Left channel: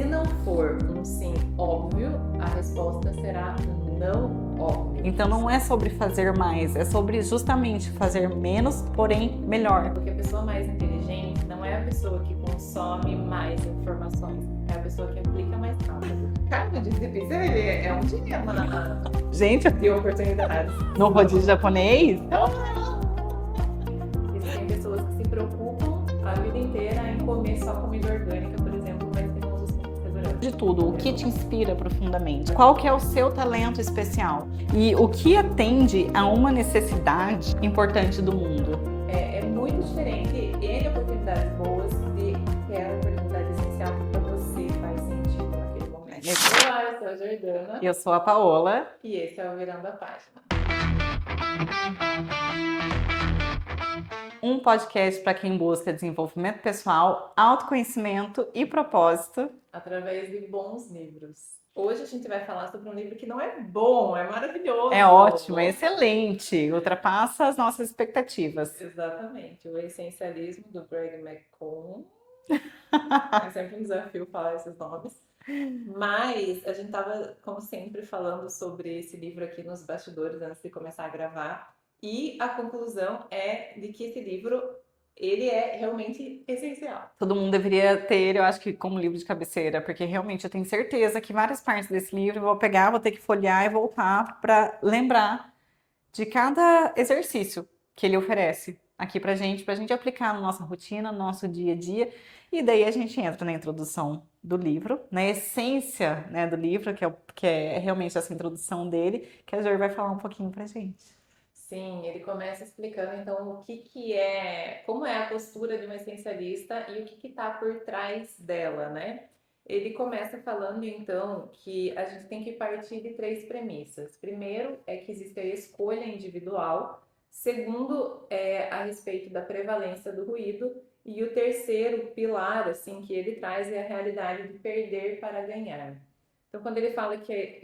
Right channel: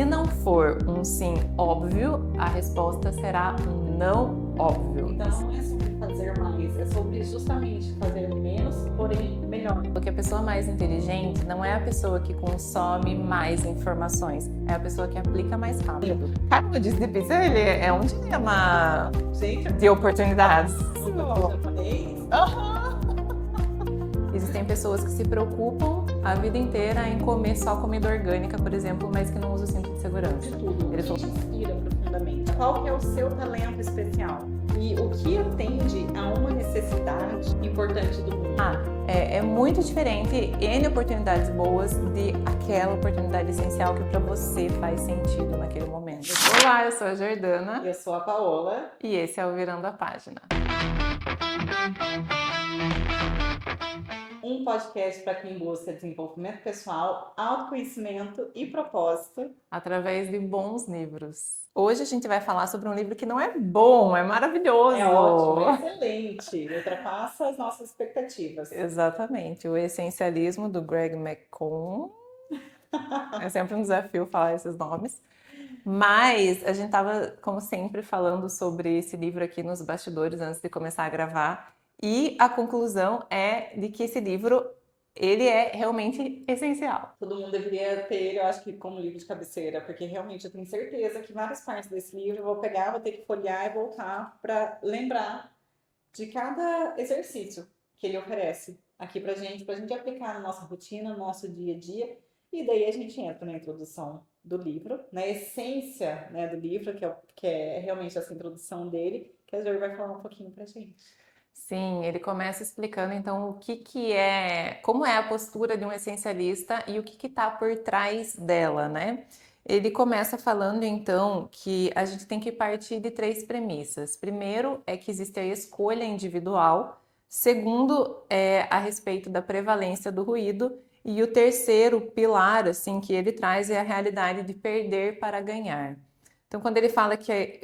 Se não for um sim óbvio, a resposta será um não óbvio. Então não é sobre fazer mais, é sobre justamente fazer menos, porém melhor. Porque a pessoa mais inteligente não é a pessoa que consome mais informações, é a pessoa que aplica mais rápido. Cara, o Disney Pizza ele é um dilema, Gente, de oportunidades. no rodízio japonês, Existem pessoas que se preocupam a vida inteira em comer só comida orgânica, por exemplo, mas que não usam o cinto de segurança. de tudo, o que te inspira profundamente? Qual que é o seu talento especial? E o que atende a uma necessidade importante do mundo? É muito diferente N oportunidades boas de aquela oportunidade essencial que para você faz sentido naquele momento. Olá, eu sou a Jordana E eu sou a Paola. e esse é o Virando a Página. Um podcast para quem busca desenvolvimento pessoal, autoconhecimento e propósito. Através de bons livros. Hoje a gente vai falar sobre um livro que não é bom, é maravilhoso. É ótimo, é excelente, ultrapassa as nossas expectativas. Exatamente, o Essencialismo do Greg McCone. É sempre um desafio falar esses nomes. Mas a gente estava, como sempre, falando sobre esse livro aqui nos bastidores antes de começar a gravar. E a conclusão é de que esse livro, ele é realmente essencial. Todo mundo deveria ter ele, eu acho que como livro de cabeceira, porque realmente eu tenho certeza que várias partes desse livro eu vou pegar, vou ter que folhear e voltar para lembrar de cada exercício que ele oferece aqui pra gente aplicar na nossa rotina, no nosso dia a dia. E daí a gente entra na introdução do livro, na essência, né, do livro, que é realmente essa introdução dele, que a Jor vai falar um pouquinho pra gente. Sim, ele começa explicando então como é a postura de um essencialista e o que está por trás dela, né? Ele começa falando então que a gente tem que partir de 3 premissas. Primeiro é que existe a escolha individual. Segundo é a respeito da prevalência do ruído. E o terceiro pilar assim que ele traz é a realidade de perder para ganhar. Então, quando ele fala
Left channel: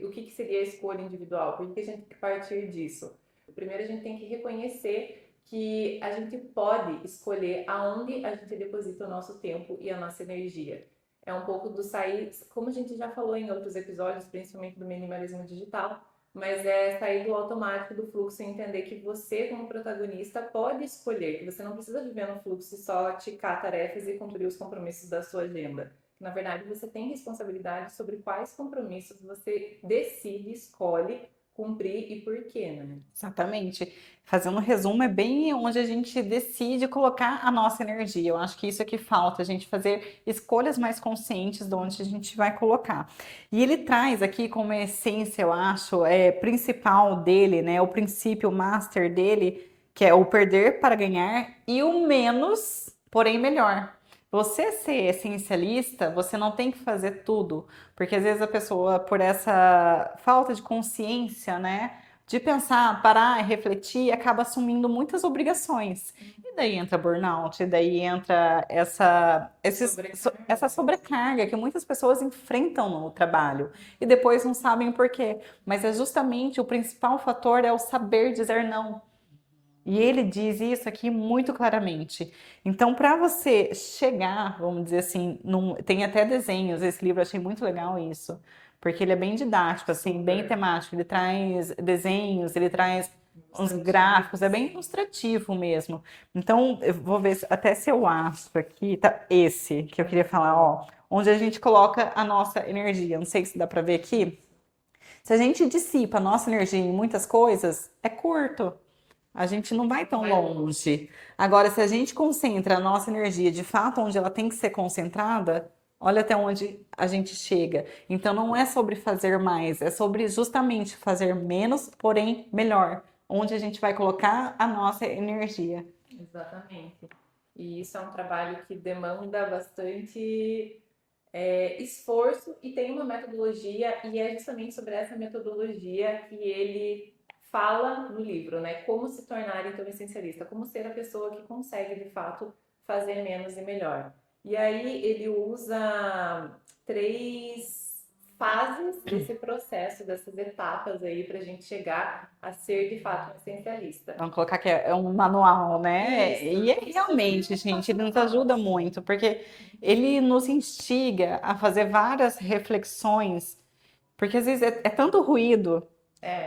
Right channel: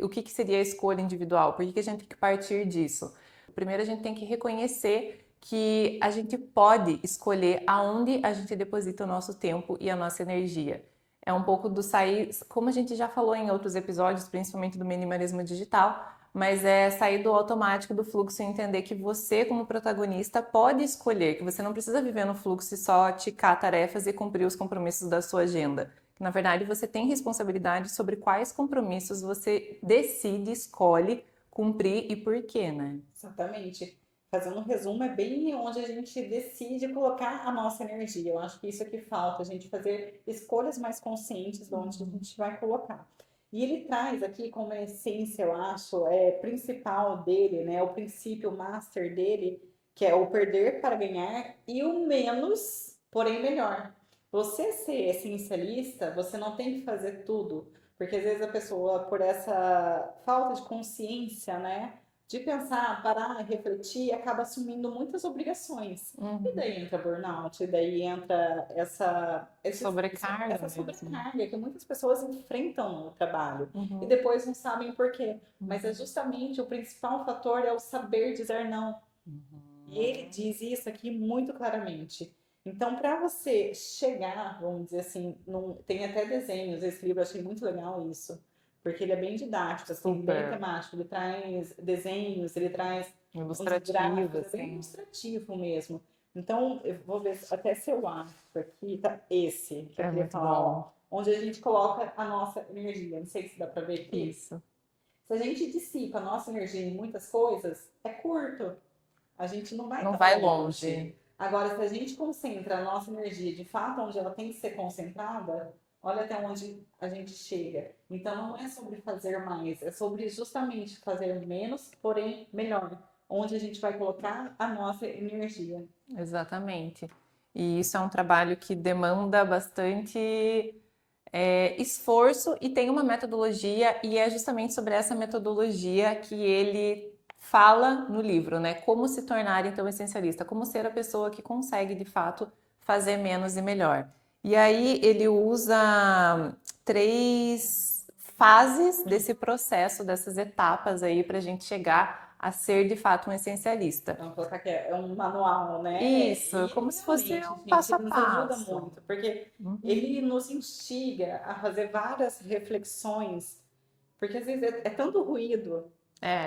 o que seria a escolha individual, por que a gente tem que partir disso? Primeiro, a gente tem que reconhecer que a gente pode escolher aonde a gente deposita o nosso tempo e a nossa energia. É um pouco do sair, como a gente já falou em outros episódios, principalmente do minimalismo digital, mas é sair do automático, do fluxo e entender que você, como protagonista, pode escolher, que você não precisa viver no fluxo e só ticar tarefas e cumprir os compromissos da sua agenda. Na verdade, você tem responsabilidade sobre quais compromissos você decide, escolhe cumprir e por quê, né? Exatamente. Fazendo um resumo, é bem onde a gente decide colocar a nossa energia. Eu acho que isso é que falta, a gente fazer escolhas mais conscientes de onde a gente vai colocar. E ele traz aqui como essência, eu acho, principal dele, né? O princípio master dele, que é o perder para ganhar e o menos, porém melhor. Você ser essencialista, você não tem que fazer tudo, porque às vezes a pessoa, por essa falta de consciência, né, de pensar, parar e refletir, acaba assumindo muitas obrigações. E daí entra burnout, e daí entra essa sobrecarga que muitas pessoas enfrentam no trabalho e depois não sabem o porquê. Mas é justamente o principal fator é o saber dizer não. E ele diz isso aqui muito claramente. Então, para você chegar, vamos dizer assim, tem até desenhos, esse livro eu achei muito legal isso, porque ele é bem didático, assim, bem temático, ele traz desenhos, ele traz uns gráficos, é bem ilustrativo mesmo. Então, eu vou ver até se eu acho aqui, tá esse que eu queria falar, ó, onde a gente coloca a nossa energia. Não sei se dá para ver aqui. Isso. Se a gente dissipa a nossa energia em muitas coisas, é curto. A gente não vai tão longe. Agora, se a gente concentra a nossa energia de fato onde ela tem que ser concentrada, olha até onde a gente chega. Então, não é sobre fazer mais, é sobre justamente fazer menos, porém melhor. Onde a gente vai colocar a nossa energia. Exatamente. E isso é um trabalho que demanda bastante esforço e tem uma metodologia, e é justamente sobre essa metodologia que ele fala no livro, né? Como se tornar então essencialista, como ser a pessoa que consegue de fato fazer menos e melhor. E aí ele usa 3 fases desse processo, dessas etapas aí para a gente chegar a ser de fato um essencialista. Vamos colocar que é um manual, né? Isso, E como se fosse realmente, um gente, passo a ele nos ajuda passo. muito, porque Uhum. ele nos instiga a fazer várias reflexões, porque às vezes é tanto ruído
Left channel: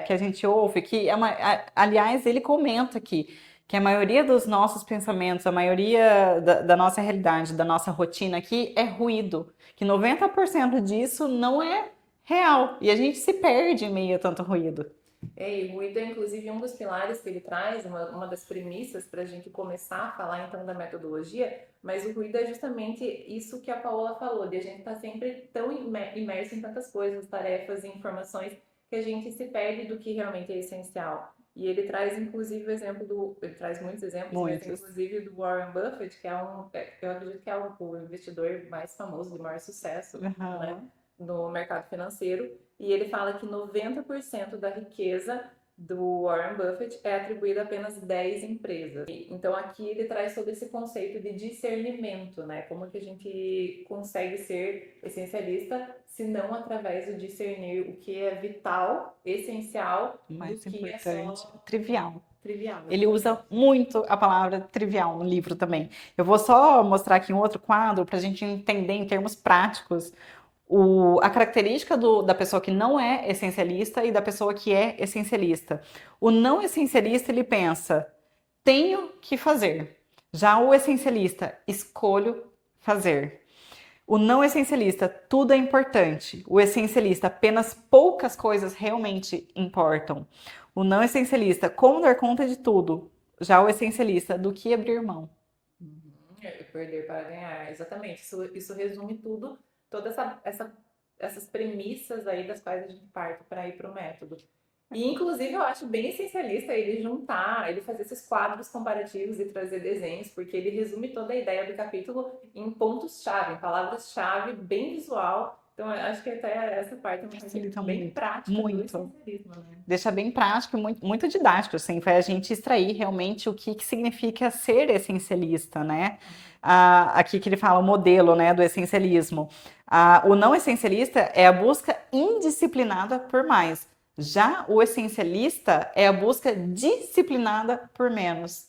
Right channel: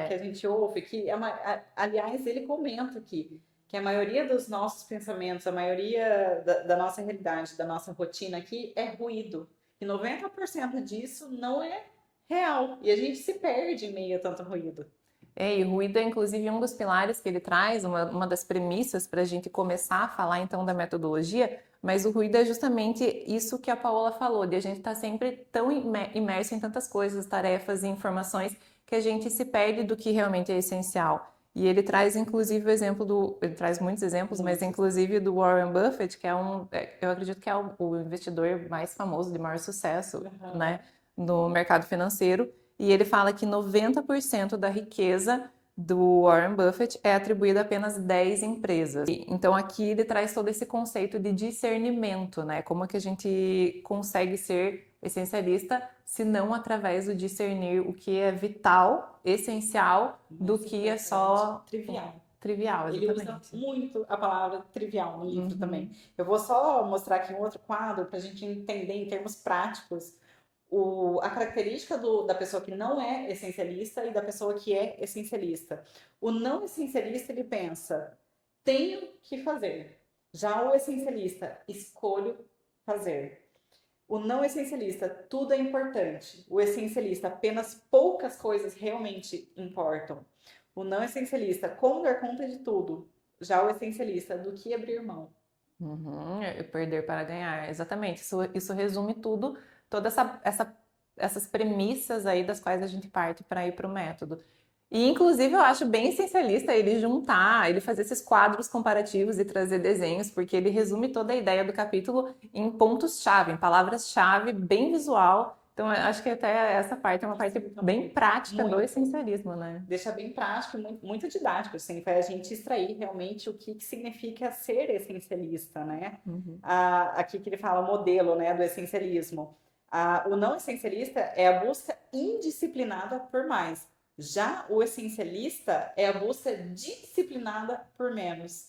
que a gente ouve que, aliás, ele comenta aqui que a maioria dos nossos pensamentos, a maioria da nossa realidade, da nossa rotina aqui é ruído, que 90% disso não é real, e a gente se perde em meio a tanto ruído. E ruído é inclusive um dos pilares que ele traz, uma das premissas para a gente começar a falar então da metodologia, mas o ruído é justamente isso que a Paola falou, de a gente estar sempre tão imerso em tantas coisas, tarefas e informações que a gente se perde do que realmente é essencial. E ele traz inclusive o exemplo ele traz muitos exemplos, mas Muitos. inclusive do Warren Buffett, que eu acredito que é o investidor mais famoso, de maior sucesso, né, no mercado financeiro. E ele fala que 90% da riqueza do Warren Buffett é atribuída a apenas 10 empresas. Então aqui ele traz todo esse conceito de discernimento, né? Como que a gente consegue ser essencialista se não através do discernir o que é vital, essencial, do que é só trivial. Trivial, Ele usa muito a palavra trivial no livro também. Eu vou só mostrar aqui um outro quadro para a gente entender em termos práticos a característica da pessoa que não é essencialista e da pessoa que é essencialista. O não essencialista, ele pensa, tenho que fazer. Já o essencialista, escolho fazer. O não essencialista, tudo é importante. O essencialista, apenas poucas coisas realmente importam. O não essencialista, como dar conta de tudo. Já o essencialista, do que abrir mão. Perder para ganhar, exatamente. Isso resume tudo, todas essas premissas aí das quais a gente parte para ir para o método. E, inclusive, eu acho bem essencialista ele fazer esses quadros comparativos e trazer desenhos, porque ele resume toda a ideia do capítulo em pontos-chave, em palavras-chave, bem visual. Então, eu acho que até essa parte é uma parte bem prática do essencialismo, né? Deixa bem prático e muito, muito didático, assim, para a gente extrair realmente o que significa ser essencialista, né? Aqui que ele fala o modelo, né, do essencialismo. O não essencialista é a busca indisciplinada por mais. Já o essencialista é a busca disciplinada por menos.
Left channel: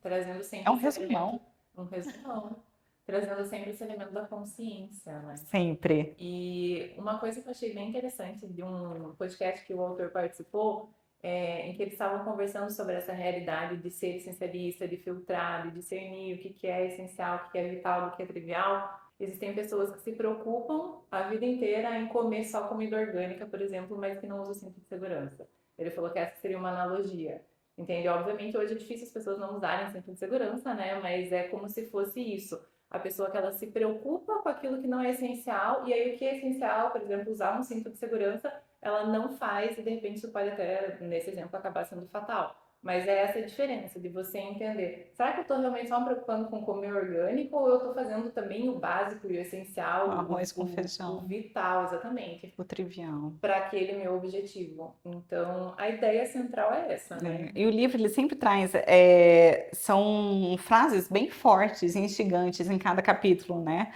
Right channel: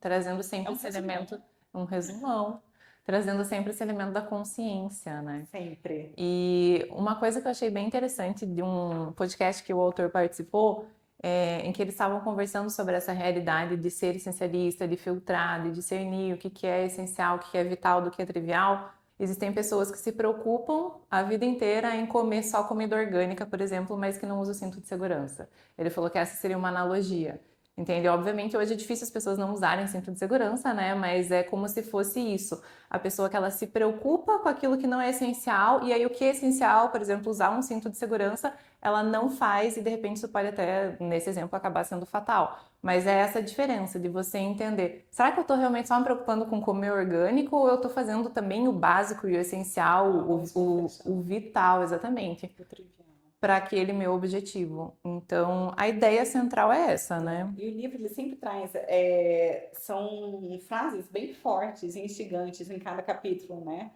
Trazendo sempre um resumão. Um resumão. Trazendo sempre esse elemento da consciência, né? Sempre. E uma coisa que eu achei bem interessante de um podcast que o autor participou, em que eles estavam conversando sobre essa realidade de ser essencialista, de filtrar, de discernir o que é essencial, o que é vital, do que é trivial. Existem pessoas que se preocupam a vida inteira em comer só comida orgânica, por exemplo, mas que não usam o cinto de segurança. Ele falou que essa seria uma analogia. Entende? Obviamente, hoje é difícil as pessoas não usarem cinto de segurança, né? Mas é como se fosse isso. A pessoa que ela se preocupa com aquilo que não é essencial, e aí o que é essencial, por exemplo, usar um cinto de segurança, ela não faz, e de repente isso pode até, nesse exemplo, acabar sendo fatal. Mas é essa diferença de você entender, será que eu estou realmente só me preocupando com comer orgânico ou eu estou fazendo também o básico e o essencial, o vital, exatamente, o trivial, para aquele meu objetivo? Então, a ideia central é essa, né? E o livro, ele sempre traz, são frases bem fortes e instigantes em cada capítulo, né?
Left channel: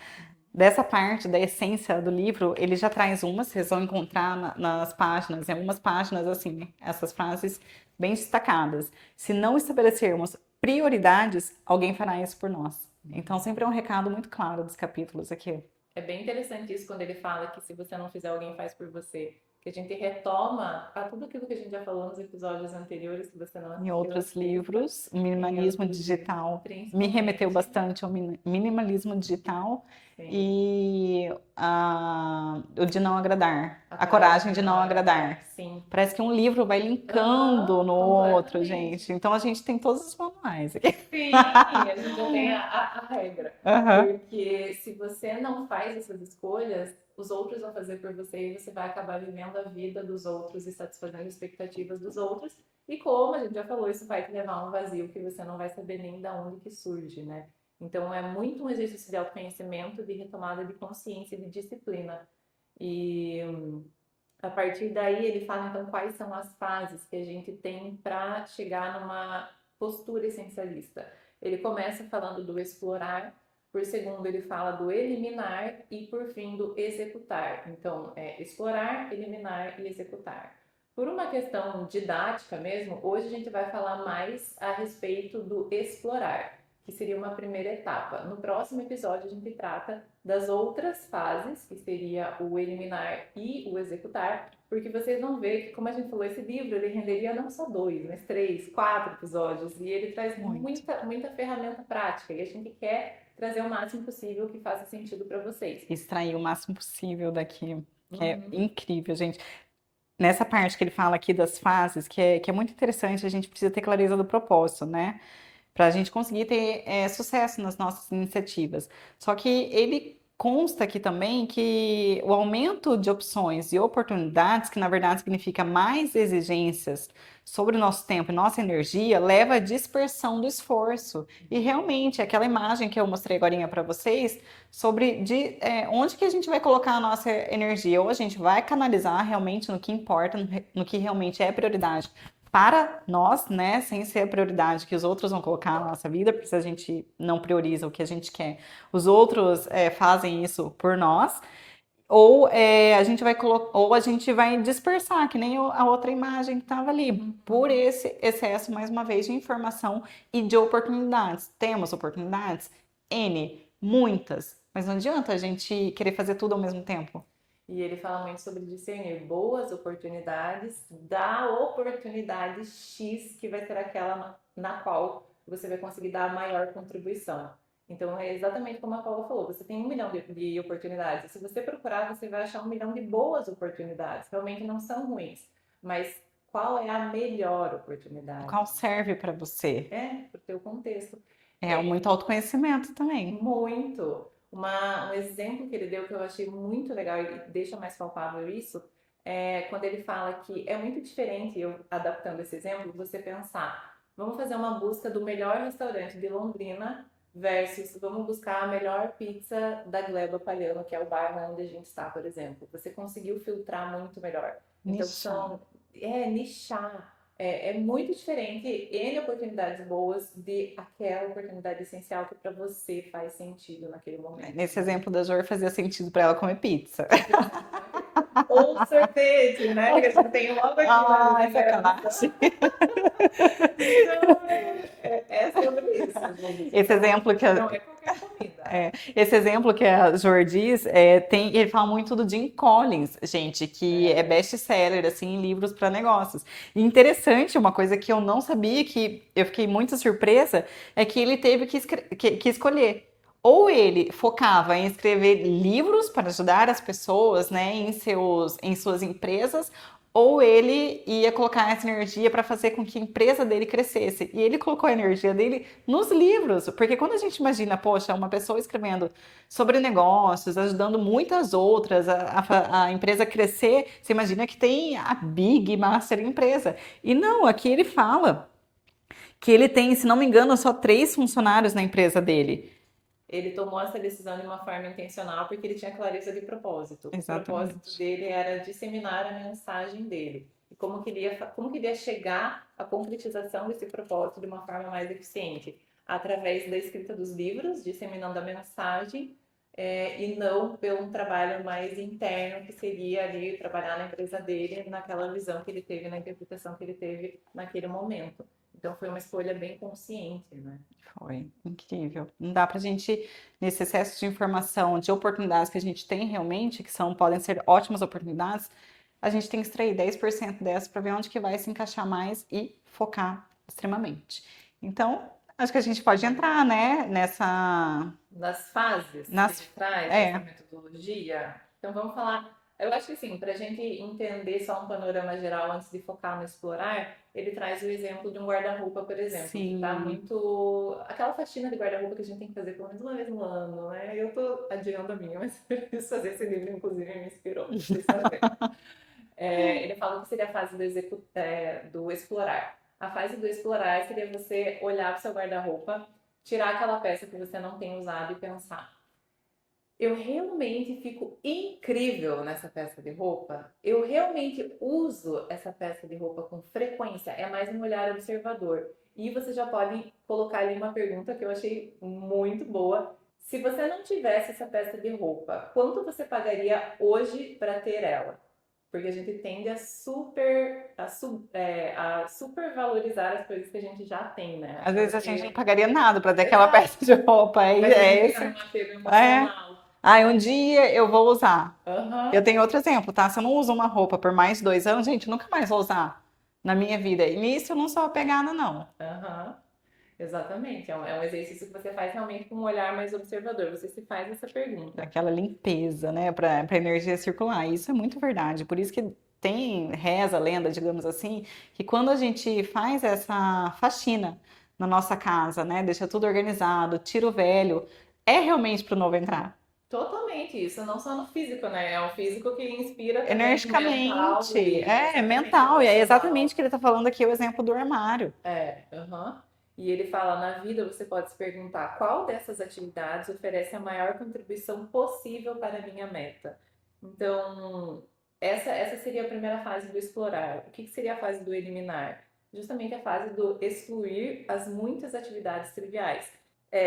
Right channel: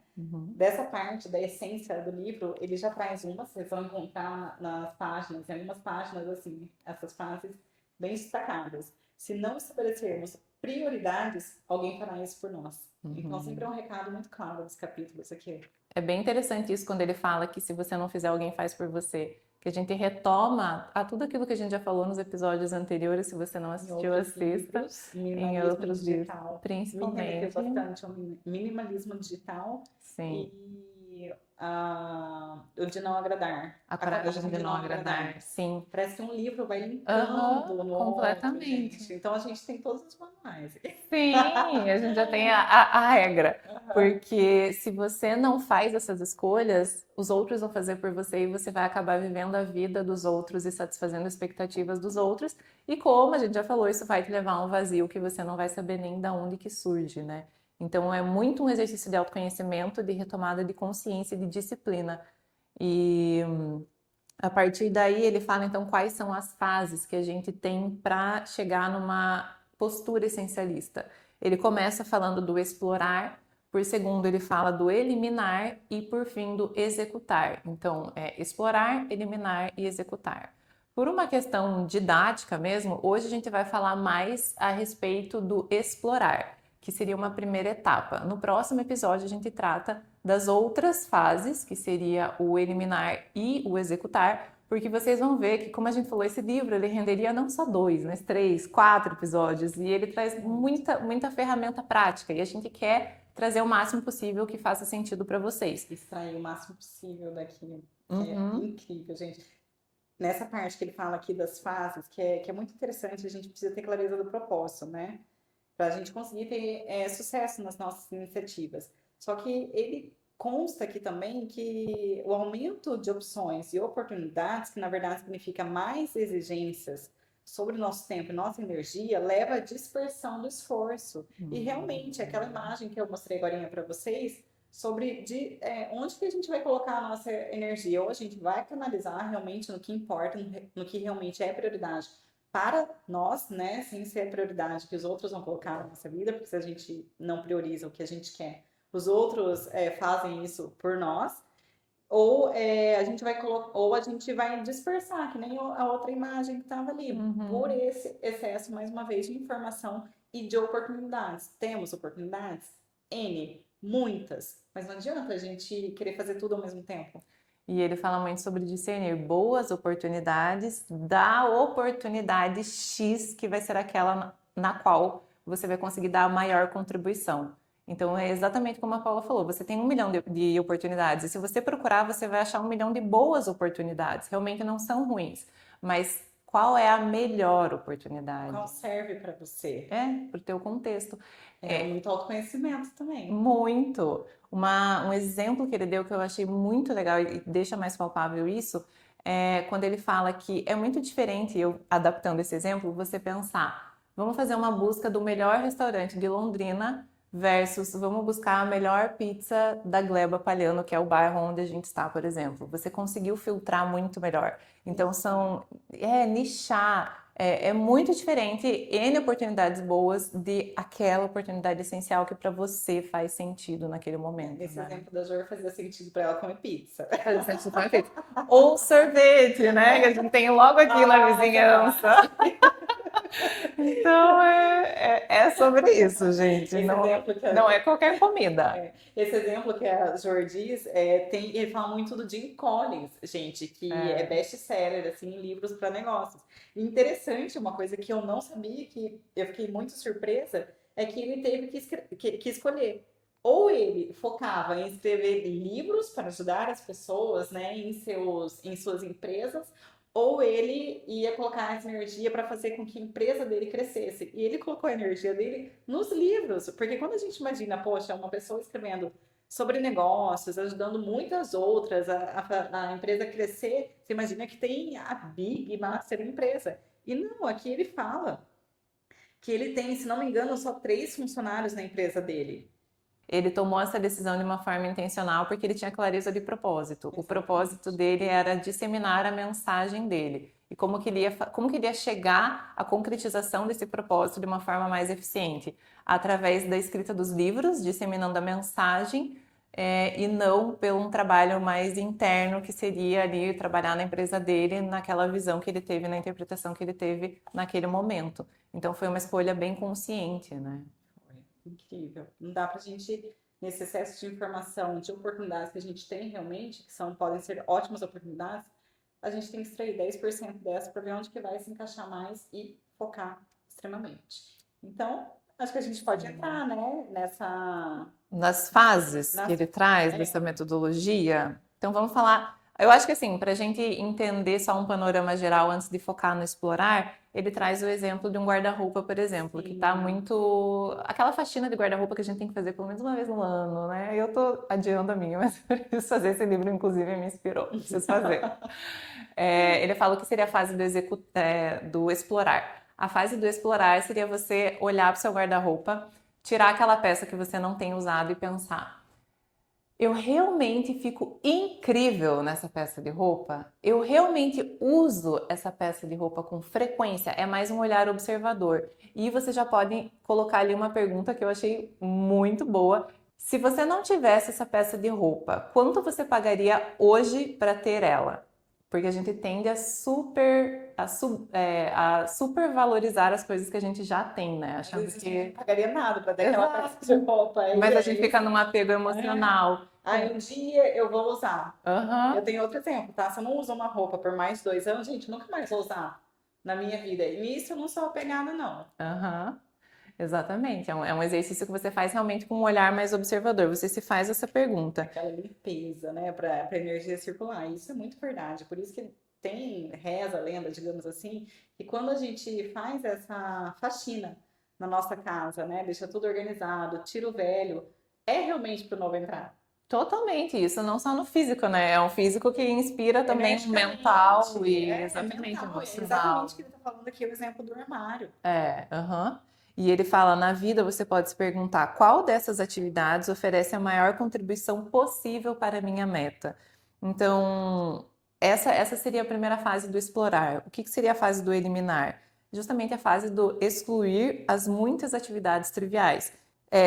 Dessa parte, da essência do livro, ele já traz umas, vocês vão encontrar nas páginas, em algumas páginas, assim, essas frases bem destacadas. Se não estabelecermos prioridades, alguém fará isso por nós. Então, sempre é um recado muito claro dos capítulos aqui. É bem interessante isso quando ele fala que se você não fizer, alguém faz por você. Que a gente retoma a tudo aquilo que a gente já falou nos episódios anteriores, se você não assistiu, em outros livros, minimalismo digital me remeteu bastante ao minimalismo digital. Sim. E o de não agradar, a coragem de não agradar. Sim. Parece que um livro vai linkando no outro, gente. Então a gente tem todos os manuais aqui. Sim, a gente já tem a regra. Porque se você não faz essas escolhas, os outros vão fazer por você e você vai acabar vivendo a vida dos outros e satisfazendo expectativas dos outros. E como a gente já falou, isso vai te levar a um vazio que você não vai saber nem de onde que surge, né? Então é muito um exercício de autoconhecimento, de retomada de consciência e de disciplina. E a partir daí ele fala então quais são as fases que a gente tem para chegar numa postura essencialista. Ele começa falando do explorar, Por segundo, ele fala do eliminar e, por fim, do executar. Então, é explorar, eliminar e executar. Por uma questão didática mesmo, hoje a gente vai falar mais a respeito do explorar, que seria uma primeira etapa. No próximo episódio, a gente trata das outras fases, que seria o eliminar e o executar, porque vocês vão ver que, como a gente falou, esse livro ele renderia não só 2, mas 3, 4 episódios, e ele traz muita ferramenta prática, e a gente quer trazer o máximo possível que faça sentido para vocês. Extrair o máximo possível daqui, que é Uhum. incrível, gente. Nessa parte que ele fala aqui das fases, que é muito interessante, a gente precisa ter clareza do propósito, né? Para a gente conseguir ter sucesso nas nossas iniciativas. Só que ele consta aqui também que o aumento de opções e oportunidades, que na verdade significa mais exigências sobre o nosso tempo e nossa energia, leva à dispersão do esforço. E realmente, aquela imagem que eu mostrei agora para vocês, sobre onde que a gente vai colocar a nossa energia, ou a gente vai canalizar realmente no que importa, no que realmente é prioridade para nós, né, sem ser a prioridade que os outros vão colocar na nossa vida, porque se a gente não prioriza o que a gente quer, os outros fazem isso por nós, ou ou a gente vai dispersar, que nem a outra imagem que estava ali, por esse excesso, mais uma vez, de informação e de oportunidades. Temos oportunidades? N, muitas, mas não adianta a gente querer fazer tudo ao mesmo tempo. E ele fala muito sobre discernir boas oportunidades da oportunidade X, que vai ser aquela na qual você vai conseguir dar a maior contribuição. Então, é exatamente como a Paula falou: você tem 1 milhão de oportunidades, e se você procurar, você vai achar 1 milhão de boas oportunidades. Realmente não são ruins, mas qual é a melhor oportunidade? Qual serve para você? Para o teu contexto. É muito autoconhecimento também. Muito. Um exemplo que ele deu que eu achei muito legal e deixa mais palpável isso é quando ele fala que é muito diferente, eu adaptando esse exemplo, você pensar, vamos fazer uma busca do melhor restaurante de Londrina versus vamos buscar a melhor pizza da Gleba Palhano, que é o bairro onde a gente está, por exemplo. Você conseguiu filtrar muito melhor. Então nichar. É muito diferente, N oportunidades boas de aquela oportunidade essencial que para você faz sentido naquele momento. Nesse exemplo da Jor, fazia sentido para ela comer pizza. Fazia sentido comer pizza. Ou sorvete, né? Que a gente tem logo aqui na vizinhança. Então é sobre isso, gente. Esse exemplo que não é qualquer comida. Esse exemplo que a Jor diz, ele fala muito do Jim Collins, gente, que é best-seller assim, em livros para negócios. E interessante, uma coisa que eu não sabia, que eu fiquei muito surpresa, é que ele teve que escolher. Ou ele focava em escrever livros para ajudar as pessoas, né, em suas empresas, ou ele ia colocar essa energia para fazer com que a empresa dele crescesse. E ele colocou a energia dele nos livros, porque quando a gente imagina, poxa, uma pessoa escrevendo sobre negócios, ajudando muitas outras, a empresa crescer, você imagina que tem a Big Master empresa. E não, aqui ele fala que ele tem, se não me engano, só 3 funcionários na empresa dele. Ele tomou essa decisão de uma forma intencional porque ele tinha clareza de propósito. Exatamente. O propósito dele era disseminar a mensagem dele. E como que ele ia chegar à concretização desse propósito de uma forma mais eficiente? Através da escrita dos livros, disseminando a mensagem, e não pelo um trabalho mais interno, que seria ali trabalhar na empresa dele, naquela visão que ele teve, na interpretação que ele teve naquele momento. Então foi uma escolha bem consciente, né? Foi incrível. Não dá pra gente, nesse excesso de informação, de oportunidades que a gente tem realmente, podem ser ótimas oportunidades, a gente tem que extrair 10% dessas para ver onde que vai se encaixar mais e focar extremamente. Então, acho que a gente pode entrar, né, nas fases que ele traz dessa metodologia. Então vamos falar. Eu acho que assim, para a gente entender só um panorama geral antes de focar no explorar, ele traz o exemplo de um guarda-roupa, por exemplo, que tá muito. Aquela faxina de guarda-roupa que a gente tem que fazer pelo menos uma vez no ano, né? Eu tô adiando a minha, mas eu preciso fazer esse livro, inclusive, me inspirou, preciso fazer. Ele fala que seria a fase do explorar. A fase do explorar seria você olhar para o seu guarda-roupa, tirar aquela peça que você não tem usado e pensar: eu realmente fico incrível nessa peça de roupa? Eu realmente uso essa peça de roupa com frequência? É mais um olhar observador. E você já pode colocar ali uma pergunta que eu achei muito boa, Se você não tivesse essa peça de roupa, quanto você pagaria hoje para ter ela? Porque a gente tende a supervalorizar as coisas que a gente já tem, né? Às Achando vezes a gente não que. pagaria nada para ter aquela peça Exato. de roupa. Mas a gente É fica esse. num apego É. emocional. Ah, um dia eu vou usar. Eu Aham, tenho outro exemplo, tá? Se eu não uso uma roupa por mais de 2 anos, gente, eu nunca mais vou usar na minha vida. E nisso eu não sou apegada, não. aham. Exatamente. É um exercício que você faz realmente com um olhar mais observador. Você se faz essa pergunta. Aquela limpeza, né, para energia circular. Isso é muito verdade. Por isso que tem reza, lenda, digamos assim, que quando a gente faz essa faxina na nossa casa, né, deixa tudo organizado, tira o velho, é realmente para o novo entrar. Totalmente isso, não só no físico, né? É um físico que inspira também no mental Energicamente, e é exatamente mental, e é emocional. exatamente o que ele está falando aqui, o exemplo do armário. Aham. E ele fala, na vida você pode se perguntar qual dessas atividades oferece a maior contribuição possível para a minha meta. Então, essa seria a primeira fase do explorar. O que seria a fase do eliminar? Justamente a fase do excluir as muitas atividades triviais.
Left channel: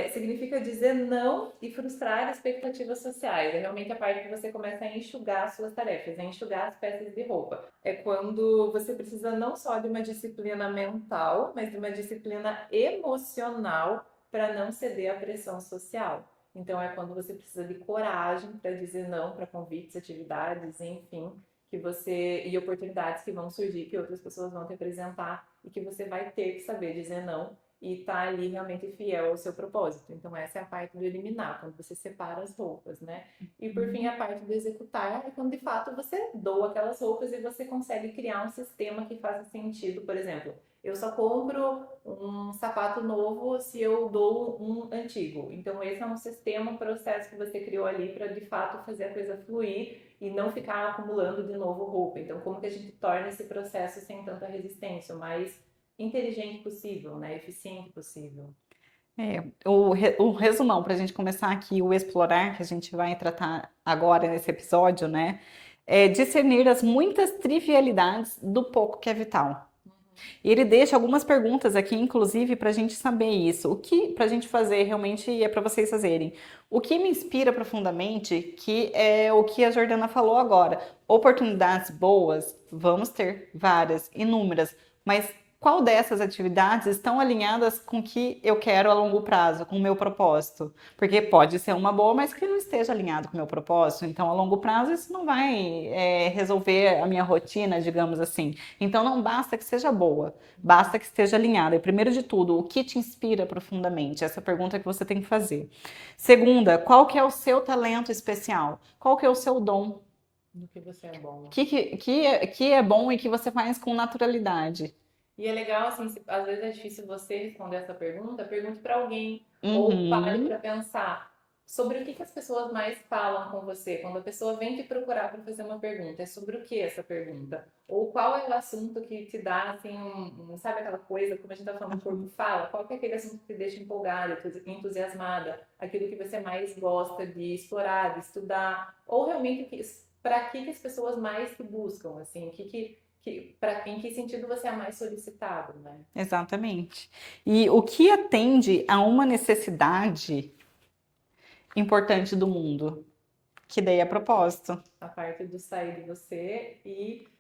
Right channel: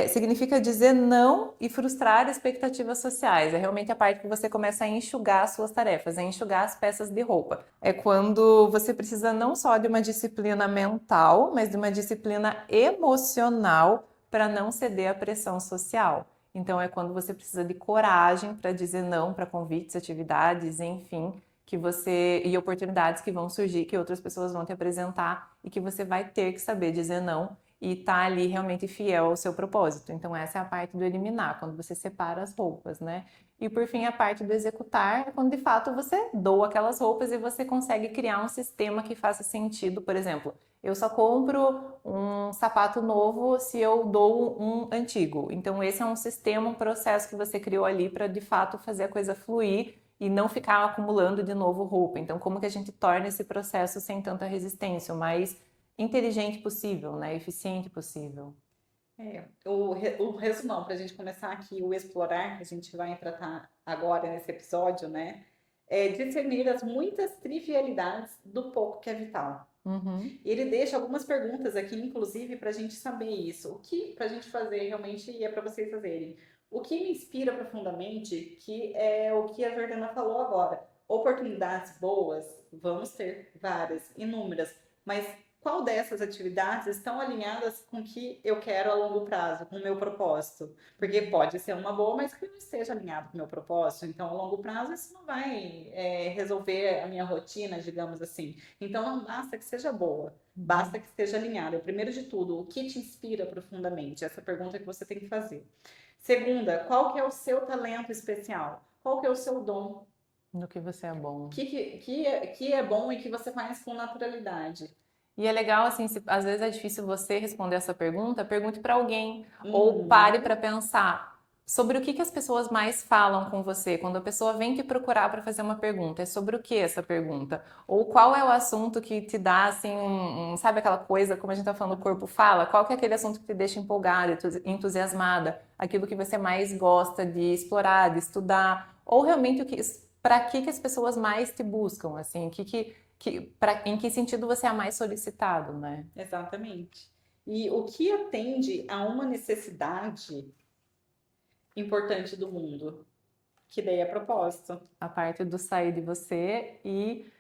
Significa dizer não e frustrar expectativas sociais. É realmente a parte que você começa a enxugar as suas tarefas, a enxugar as peças de roupa. É quando você precisa não só de uma disciplina mental, mas de uma disciplina emocional para não ceder à pressão social. Então, é quando você precisa de coragem para dizer não para convites, atividades, enfim, que você e oportunidades que vão surgir, que outras pessoas vão te apresentar e que você vai ter que saber dizer não e tá ali realmente fiel ao seu propósito. Então, essa é a parte do eliminar, quando você separa as roupas, né? E por fim, a parte do executar é quando de fato você doa aquelas roupas e você consegue criar um sistema que faça sentido. Por exemplo, eu só compro um sapato novo se eu dou um antigo. Então, esse é um sistema, um processo que você criou ali para de fato fazer a coisa fluir e não ficar acumulando de novo roupa. Então, como que a gente torna esse processo sem tanta resistência, o mais inteligente possível, né? Eficiente possível. O resumão, para a gente começar aqui, o explorar, que a gente vai tratar agora nesse episódio, né? É discernir as muitas trivialidades do pouco que é vital. Uhum. E ele deixa algumas perguntas aqui, inclusive, para a gente saber isso. O que para a gente fazer realmente é para vocês fazerem. O que me inspira profundamente, que é o que a Jordana falou agora. Oportunidades boas, vamos ter várias, inúmeras, mas qual dessas atividades estão alinhadas com o que eu quero a longo prazo, com o meu propósito? Porque pode ser uma boa, mas que não esteja alinhado com o meu propósito. Então, a longo prazo, isso não vai resolver a minha rotina, digamos assim. Então não basta que seja boa, basta que esteja alinhada. E primeiro de tudo, o que te inspira profundamente? Essa pergunta que você tem que fazer. Segunda, qual que é o seu talento especial? Qual que é o seu dom? No que você é O bom. que é bom e que você faz com naturalidade? E é legal, assim, se às vezes é difícil você responder essa pergunta, pergunte para alguém ou pare Uhum, para pensar sobre o que as pessoas mais falam com você. Quando a pessoa vem te procurar para fazer uma pergunta, é sobre o que essa pergunta? Ou qual é o assunto que te dá, assim, sabe aquela coisa, como a gente tá falando, o corpo fala? Qual que é aquele assunto que te deixa empolgada, entusiasmada? Aquilo que você mais gosta de explorar, de estudar? Ou realmente para que as pessoas mais te buscam, assim? Em que sentido você é mais solicitado, né? exatamente. E o que atende a uma necessidade importante do mundo? Que daí é propósito. A parte do sair de você e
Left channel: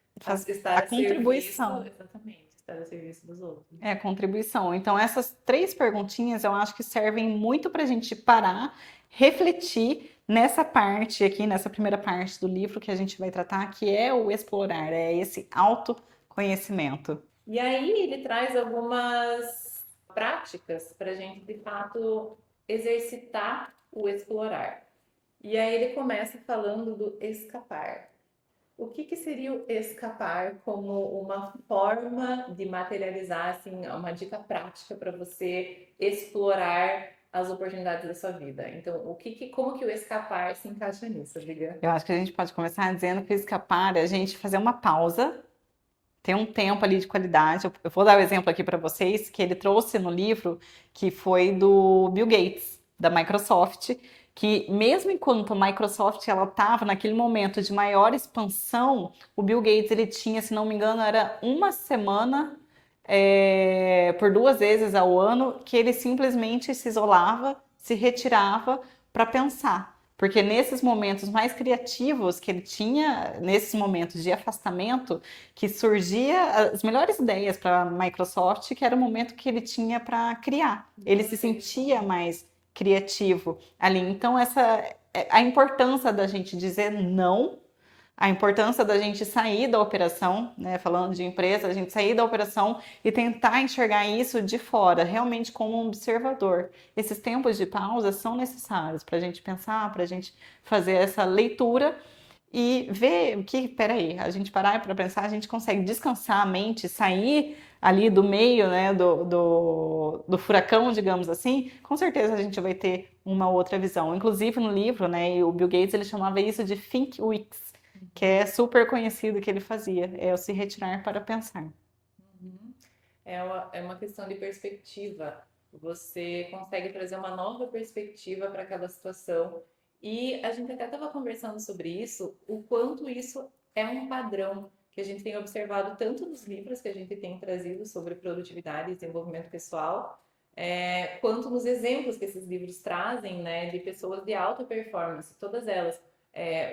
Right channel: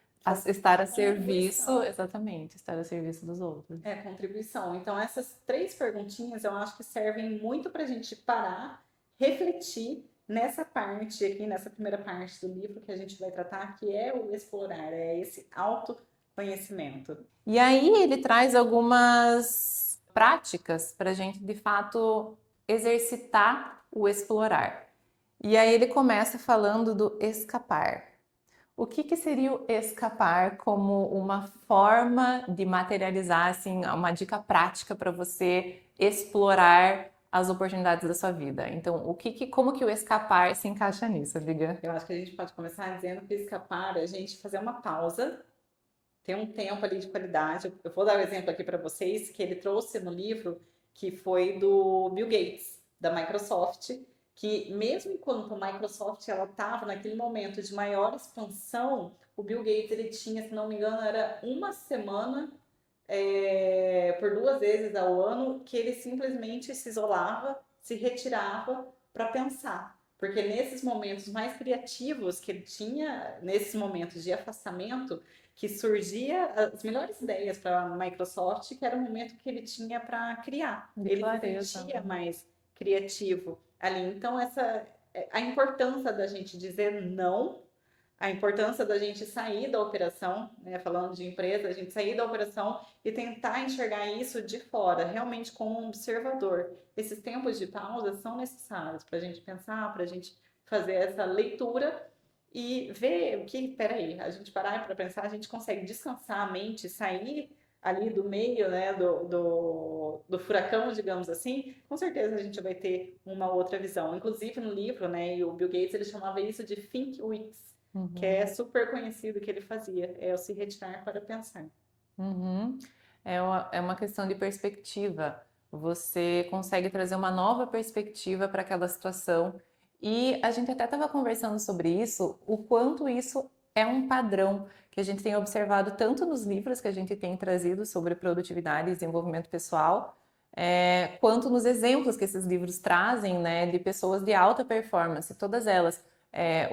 estar A a serviço, contribuição. exatamente, estar a serviço dos outros. É, contribuição. Então, essas três perguntinhas eu acho que servem muito para a gente parar, refletir nessa parte aqui, nessa primeira parte do livro que a gente vai tratar, que é o explorar, é esse autoconhecimento. E aí ele traz algumas práticas para a gente de fato exercitar o explorar. E aí ele começa falando do escapar. O que seria o escapar como uma forma de materializar, assim, uma dica prática para você explorar as oportunidades da sua vida? Então, como que o escapar se encaixa nisso, Viga? Eu acho que a gente pode começar dizendo que escapar é a gente fazer uma pausa, ter um tempo ali de qualidade. Eu vou dar o exemplo aqui para vocês que ele trouxe no livro, que foi do Bill Gates, da Microsoft, que mesmo enquanto a Microsoft ela estava naquele momento de maior expansão, o Bill Gates ele tinha, se não me engano, era uma semana por 2 vezes ao ano que ele simplesmente se isolava, se retirava para pensar. Porque nesses momentos mais criativos que ele tinha, nesses momentos de afastamento, que surgia as melhores ideias para a Microsoft, que era o momento que ele tinha para criar. De Ele se clareza. sentia mais criativo ali. Então, essa a importância da gente dizer não, a importância da gente sair da operação, né? Falando de empresa, a gente sair da operação e tentar enxergar isso de fora, realmente como um observador. Esses tempos de pausa são necessários para a gente pensar, para a gente fazer essa leitura e ver o que, peraí, a gente parar para pensar, a gente consegue descansar a mente, sair ali do meio, né, do furacão, digamos assim, com certeza a gente vai ter uma outra visão. Inclusive no livro, né, o Bill Gates, ele chamava isso de Think Weeks, que Uhum. é super conhecido que ele fazia, é o se retirar para pensar. Uhum. É uma questão de perspectiva. Você consegue trazer uma nova perspectiva para aquela situação. E a gente até estava conversando sobre isso, o quanto isso é um padrão que a gente tem observado tanto nos livros que a gente tem trazido sobre produtividade e desenvolvimento pessoal, quanto nos exemplos que esses livros trazem, né, de pessoas de alta performance, todas elas.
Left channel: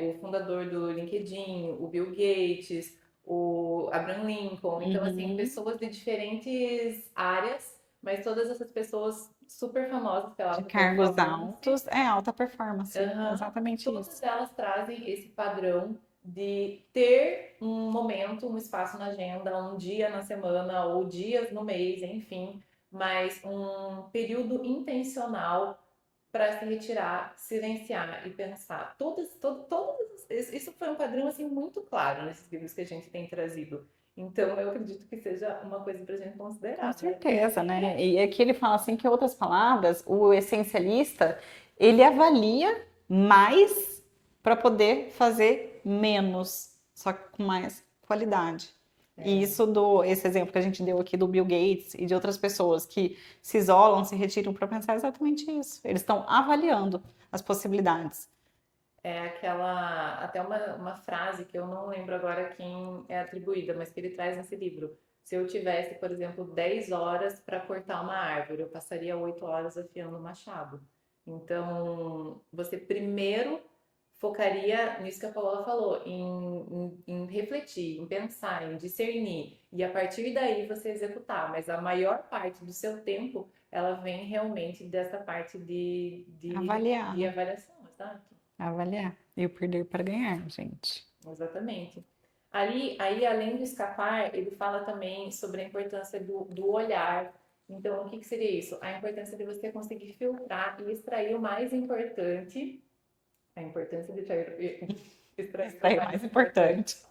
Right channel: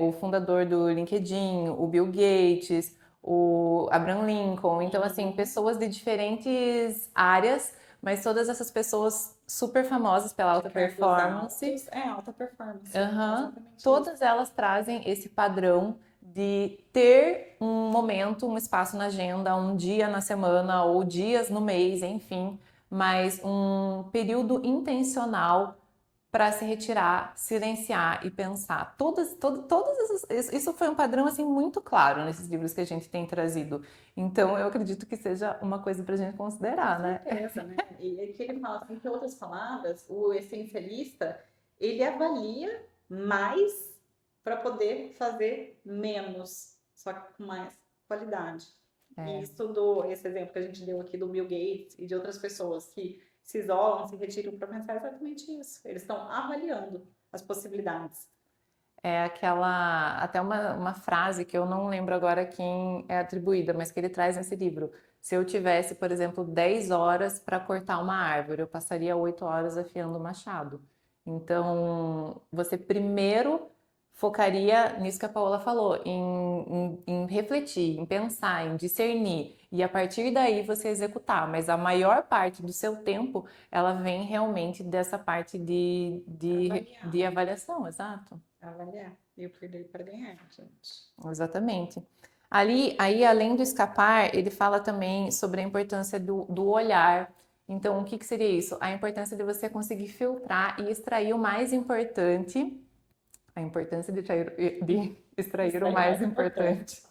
O fundador do LinkedIn, o Bill Gates, o Abraham Lincoln. Então, assim, Uhum. pessoas de diferentes áreas, mas todas essas pessoas super famosas pela De alta cargos performance. altos, é alta performance, Aham. exatamente Todas isso. elas trazem esse padrão de ter um momento, um espaço na agenda, um dia na semana ou dias no mês, enfim, mas um período intencional para se retirar, silenciar e pensar. Isso foi um padrão assim muito claro nesses livros que a gente tem trazido. Então, eu acredito que seja uma coisa para a gente Com considerar, né? certeza, né? E aqui ele fala assim que, em outras palavras, o essencialista, ele avalia mais para poder fazer menos, só que com mais qualidade. E É. isso esse exemplo que a gente deu aqui do Bill Gates e de outras pessoas que se isolam, se retiram para pensar exatamente isso. Eles estão avaliando as possibilidades. É aquela, até uma frase que eu não lembro agora quem é atribuída, mas que ele traz nesse livro. Se eu tivesse, por exemplo, 10 horas para cortar uma árvore, eu passaria 8 horas afiando o machado. Então, você primeiro focaria nisso que a Paola falou, em refletir, em pensar, em discernir, e a partir daí você executar. Mas a maior parte do seu tempo, ela vem realmente dessa parte Avaliar, de né? avaliação, exato. Avaliar. E o perder para ganhar, gente. Exatamente. Ali, aí, além do escapar, ele fala também sobre a importância do olhar. Então, o que que seria isso? A importância de você conseguir filtrar e extrair o mais importante, a importância de Isso extrair o aí é o mais mais importante. importante.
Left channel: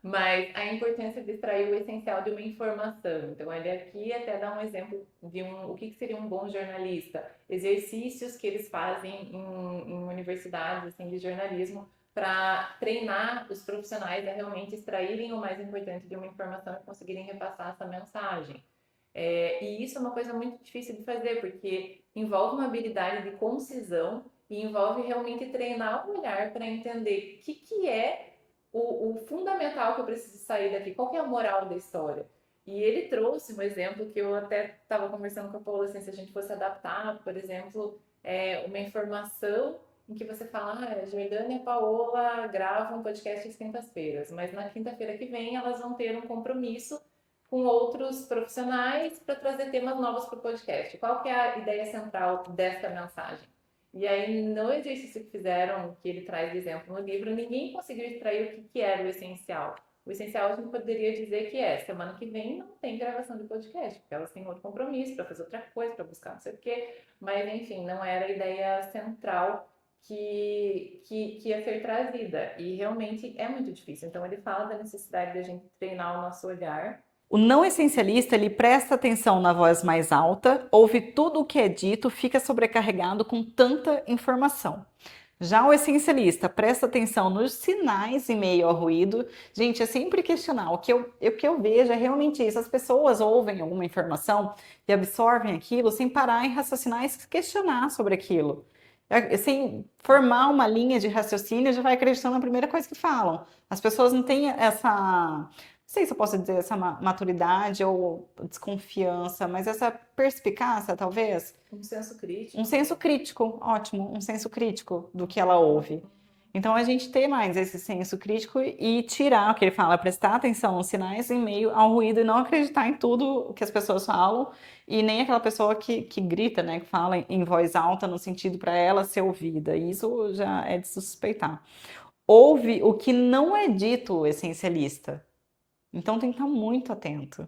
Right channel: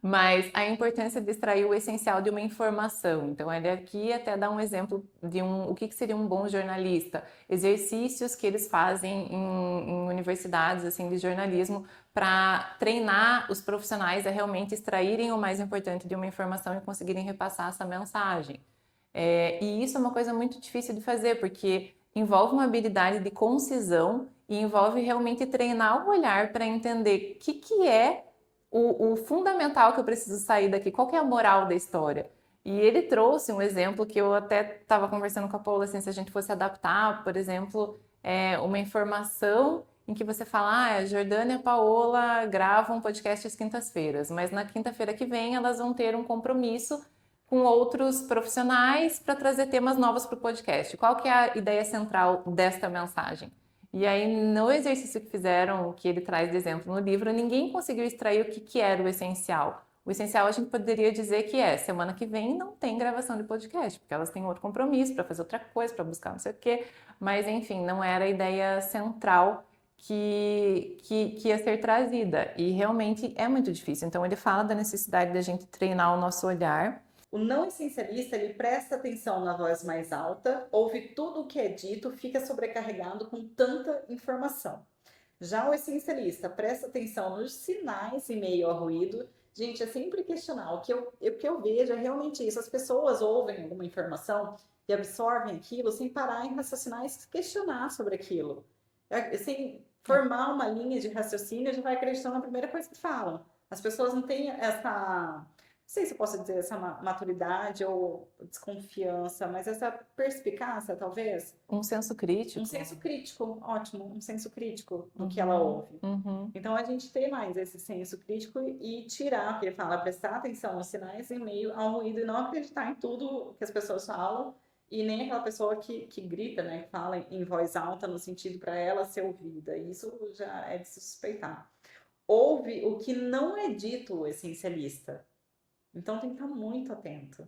Mas a importância de extrair o essencial de uma informação. Então, ele aqui até dá um exemplo de o que seria um bom jornalista. Exercícios que eles fazem em universidades assim de jornalismo para treinar os profissionais a realmente extraírem o mais importante de uma informação e conseguirem repassar essa mensagem. E isso é uma coisa muito difícil de fazer, porque envolve uma habilidade de concisão e envolve realmente treinar o olhar para entender o que é o fundamental que eu preciso sair daqui, qual que é a moral da história. E ele trouxe um exemplo que eu até estava conversando com a Paula, assim, se a gente fosse adaptar, por exemplo, uma informação em que você fala, a Jordânia e a Paola gravam podcast às quintas-feiras, mas na quinta-feira que vem elas vão ter um compromisso com outros profissionais para trazer temas novos para o podcast. Qual que é a ideia central desta mensagem? E aí, no exercício que fizeram, que ele traz de exemplo no livro, ninguém conseguiu extrair o que era o essencial. O essencial a gente poderia dizer que semana que vem não tem gravação de podcast, porque elas têm outro compromisso para fazer outra coisa, para buscar não sei o quê. Mas, enfim, não era a ideia central que ia ser trazida. E realmente é muito difícil. Então, ele fala da necessidade da gente treinar o nosso olhar. O não essencialista, ele presta atenção na voz mais alta, ouve tudo o que é dito, fica sobrecarregado com tanta informação. Já o essencialista presta atenção nos sinais em meio ao ruído. Gente, é sempre questionar. O que eu vejo é realmente isso. As pessoas ouvem alguma informação e absorvem aquilo sem parar em raciocinar e questionar sobre aquilo. Assim, formar uma linha de raciocínio já vai acreditando na primeira coisa que falam. As pessoas não têm essa sei se eu posso dizer essa maturidade ou desconfiança, mas essa perspicácia, talvez. Um senso crítico. Um senso crítico, ótimo, um senso crítico do que ela Uhum, ouve. uhum. Então, a gente ter mais esse senso crítico e tirar o que ele fala, prestar atenção nos sinais em meio ao ruído e não acreditar em tudo que as pessoas falam e nem aquela pessoa que grita, né, que fala em voz alta no sentido para ela ser ouvida. E isso já é de se suspeitar. Ouve o que não é dito essencialista. Então, tem que estar muito atento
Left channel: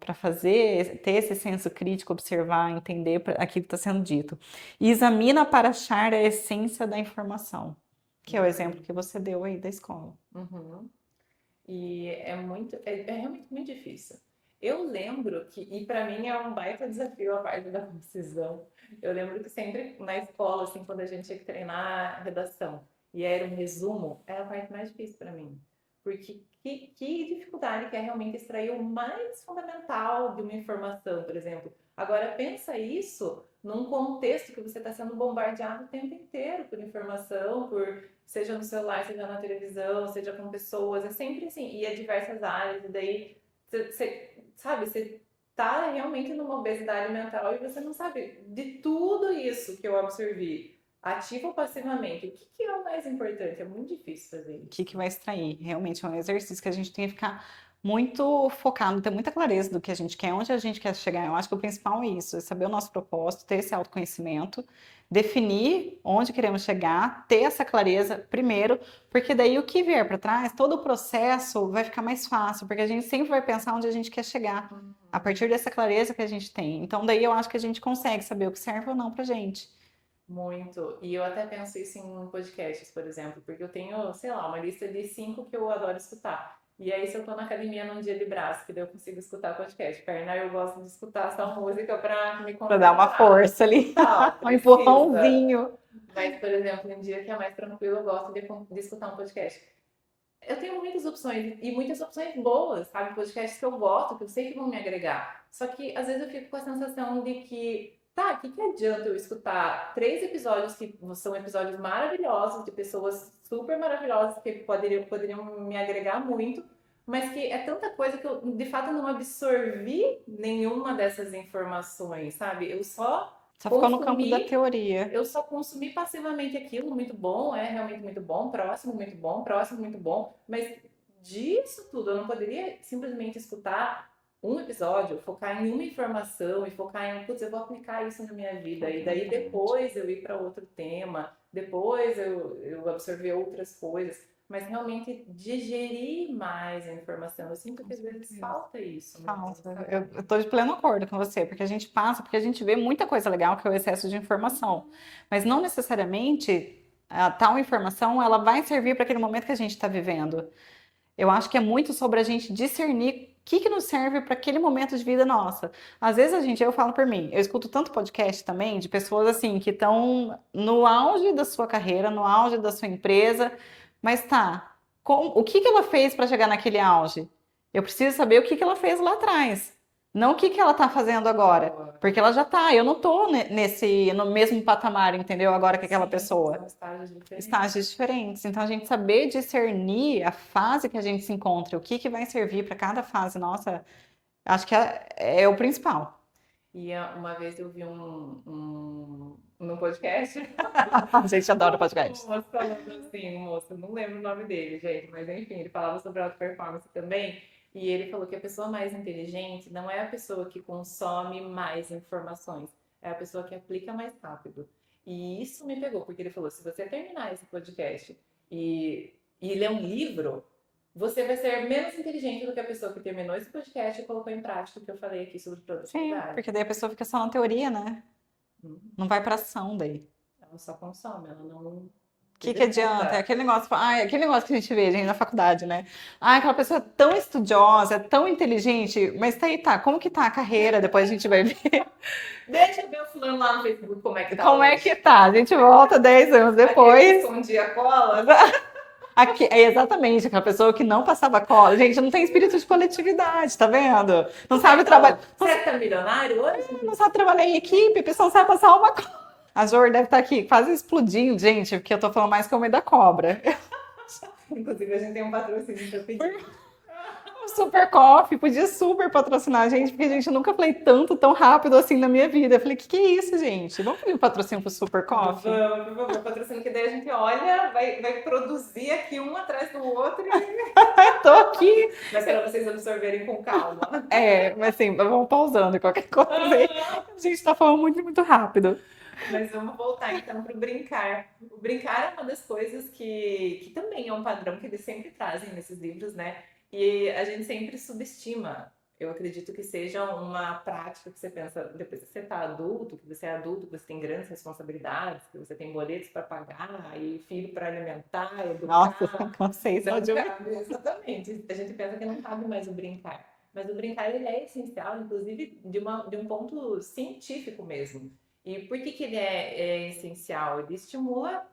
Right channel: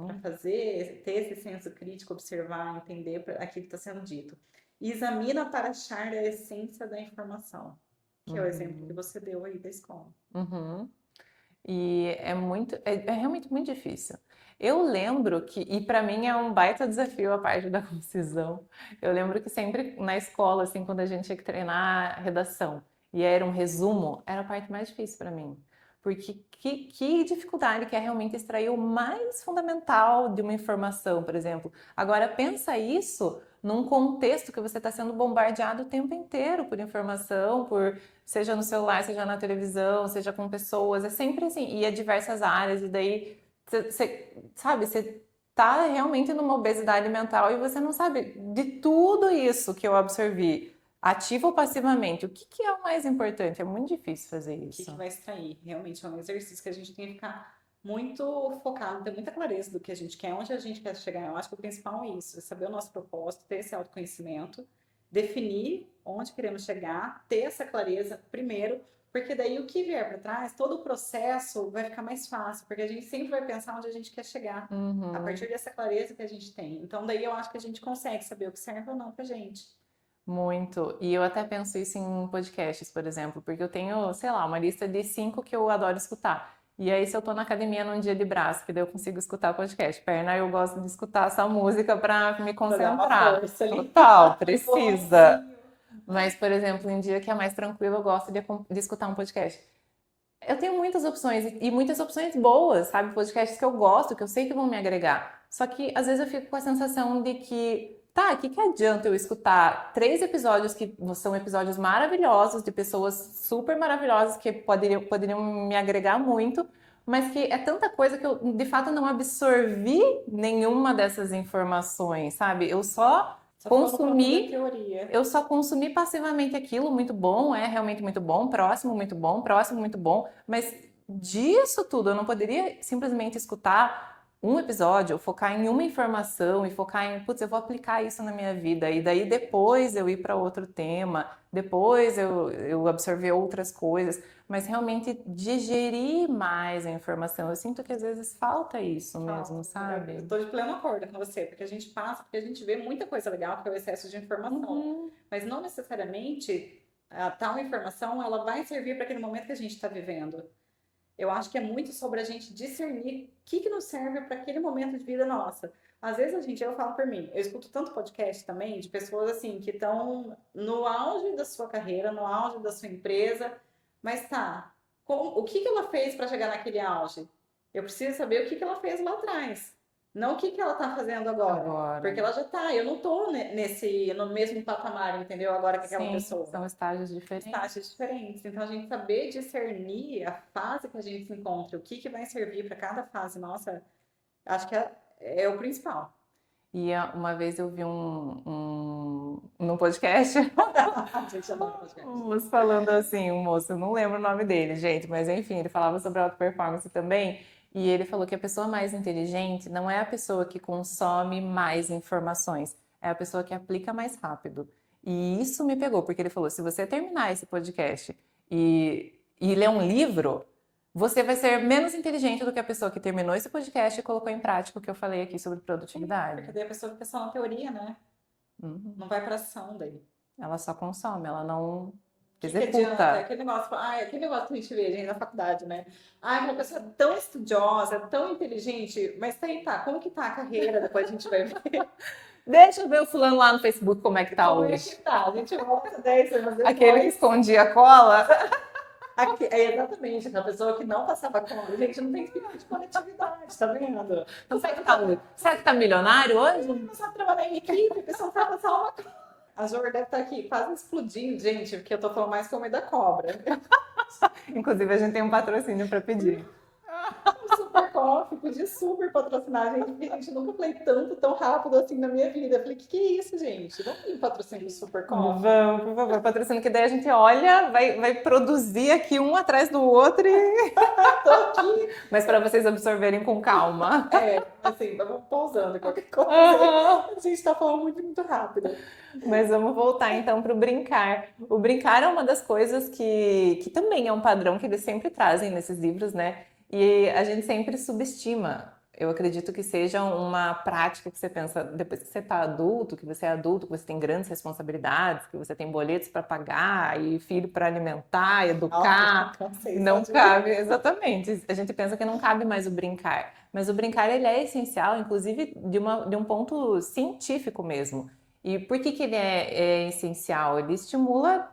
para ter esse senso crítico, observar, entender aquilo que está sendo dito. E examina para achar a essência da informação, que é o exemplo que você deu aí da escola. Uhum. E é realmente muito difícil. Eu lembro que, e para mim é um baita desafio a parte da concisão. Eu lembro que sempre na escola, assim, quando a gente tinha que treinar redação e era um resumo, era a parte mais difícil para mim. Porque que dificuldade que é realmente extrair o mais fundamental de uma informação, por exemplo. Agora, pensa isso num contexto que você está sendo bombardeado o tempo inteiro por informação, seja no celular, seja na televisão, seja com pessoas, é sempre assim, e é diversas áreas, e daí você sabe, você tá realmente numa obesidade mental e você não sabe de tudo isso que eu absorvi, ativo ou passivamente, o que é o mais importante? É muito difícil fazer O isso. que vai extrair? Realmente é um exercício que a gente tem que ficar muito focado, ter muita clareza do que a gente quer, onde a gente quer chegar. Eu acho que o principal é isso, é saber o nosso propósito, ter esse autoconhecimento, definir onde queremos chegar, ter essa clareza primeiro, porque daí o que vier para trás, todo o processo vai ficar mais fácil, porque a gente sempre vai pensar onde a gente quer chegar, a partir dessa clareza que a gente tem. Então daí eu acho que a gente consegue saber o que serve ou não pra gente. Muito. E eu até penso isso em podcasts, por exemplo, porque eu tenho, sei lá, uma lista de 5 que eu adoro escutar. E aí, se eu tô na academia num dia de braço, que daí eu consigo escutar podcast. Perna, eu gosto de escutar essa música pra me Pra dar uma concentrar. força ali, Total, um precisa. empurrãozinho. Mas, por exemplo, em dia que é mais tranquilo, eu gosto de escutar um podcast. Eu tenho muitas opções e muitas opções boas, sabe? Podcasts que eu gosto, que eu sei que vão me agregar. Só que às vezes eu fico com a sensação de que, tá, o que que adianta eu escutar 3 episódios que são episódios maravilhosos, de pessoas super maravilhosas que poderiam me agregar muito, mas que é tanta coisa que eu de fato não absorvi nenhuma dessas informações, sabe? Só ficou no campo da teoria. Eu só consumi passivamente aquilo, muito bom, é realmente muito bom, próximo, muito bom, mas disso tudo eu não poderia simplesmente escutar um episódio, focar em uma informação e focar em, putz, eu vou aplicar isso na minha vida, e daí depois eu ir para outro tema, depois eu absorver outras coisas, mas realmente digerir mais a informação. Eu sinto que às vezes falta isso mesmo, Falta. sabe? Eu tô de pleno acordo com você, porque a gente passa, porque a gente vê muita coisa legal que é o excesso de informação. Mas não necessariamente a tal informação ela vai servir para aquele momento que a gente está vivendo. Eu acho que é muito sobre a gente discernir o que nos serve para aquele momento de vida nossa. Às vezes eu falo por mim, eu escuto tanto podcast também de pessoas assim que estão no auge da sua carreira, no auge da sua empresa, mas tá, o que ela fez para chegar naquele auge? Eu preciso saber o que ela fez lá atrás, não o que ela está fazendo agora. Porque ela já tá, eu não tô no mesmo patamar, entendeu? Agora que aquela Sim, pessoa. são estágios diferentes. Estágios diferentes. Então, a gente saber discernir a fase que a gente se encontra, o que vai servir para cada fase, nossa, acho que é o principal. E uma vez eu vi num podcast, A gente adora podcast. um moço falando assim, um moço, eu não lembro o nome dele, gente, mas enfim, ele falava sobre auto performance também. E ele falou que a pessoa mais inteligente não é a pessoa que consome mais informações, é a pessoa que aplica mais rápido. E isso me pegou, porque ele falou: se você terminar esse podcast e ler um livro, você vai ser menos inteligente do que a pessoa que terminou esse podcast e colocou em prática o que eu falei aqui sobre Sim, produtividade. porque daí a pessoa fica só na teoria, né? Não vai para ação daí. Ela só consome, ela não O que executa. adianta? É aquele negócio que a gente vê, gente, na faculdade, né? Aquela pessoa tão estudiosa, tão inteligente, mas tá aí, tá. Como que tá a carreira? Depois a gente vai ver. Deixa eu ver o fulano lá no Facebook como é que tá Como hoje. é que tá? A gente volta 10 anos Aquele que depois. escondia a cola. É exatamente, aquela pessoa que não passava cola. Gente, não tem espírito de coletividade, tá vendo? Não sabe trabalhar. Será que tá milionário hoje? Não sabe trabalhar em equipe, a pessoa não sabe passar uma cola. A Jor deve estar aqui quase explodindo, gente, porque eu tô falando mais que o meio da cobra. Inclusive, a gente tem um patrocínio para pedir. Super Coffee podia super patrocinar a gente, porque a gente nunca falei tanto, tão rápido assim na minha vida. Eu falei, que é isso, gente? Vamos pedir um patrocínio pro Super Coffee? Vamos, por favor, patrocínio, que daí a gente olha, vai produzir aqui um atrás do outro, Tô aqui. mas para vocês absorverem com calma. Mas assim, vamos pausando qualquer coisa. A gente tá falando muito, muito rápido. Mas vamos voltar então para o brincar. O brincar é uma das coisas que também é um padrão que eles sempre trazem nesses livros, né? E a gente sempre subestima. Eu acredito que seja uma prática que você pensa depois que você está adulto, que você é adulto, que você tem grandes responsabilidades, que você tem boletos para pagar e filho para alimentar, educar. Nossa, cansei Não só de cabe, exatamente. A gente pensa que não cabe mais o brincar. Mas o brincar ele é essencial, inclusive de um ponto científico mesmo. E por que ele é essencial? Ele estimula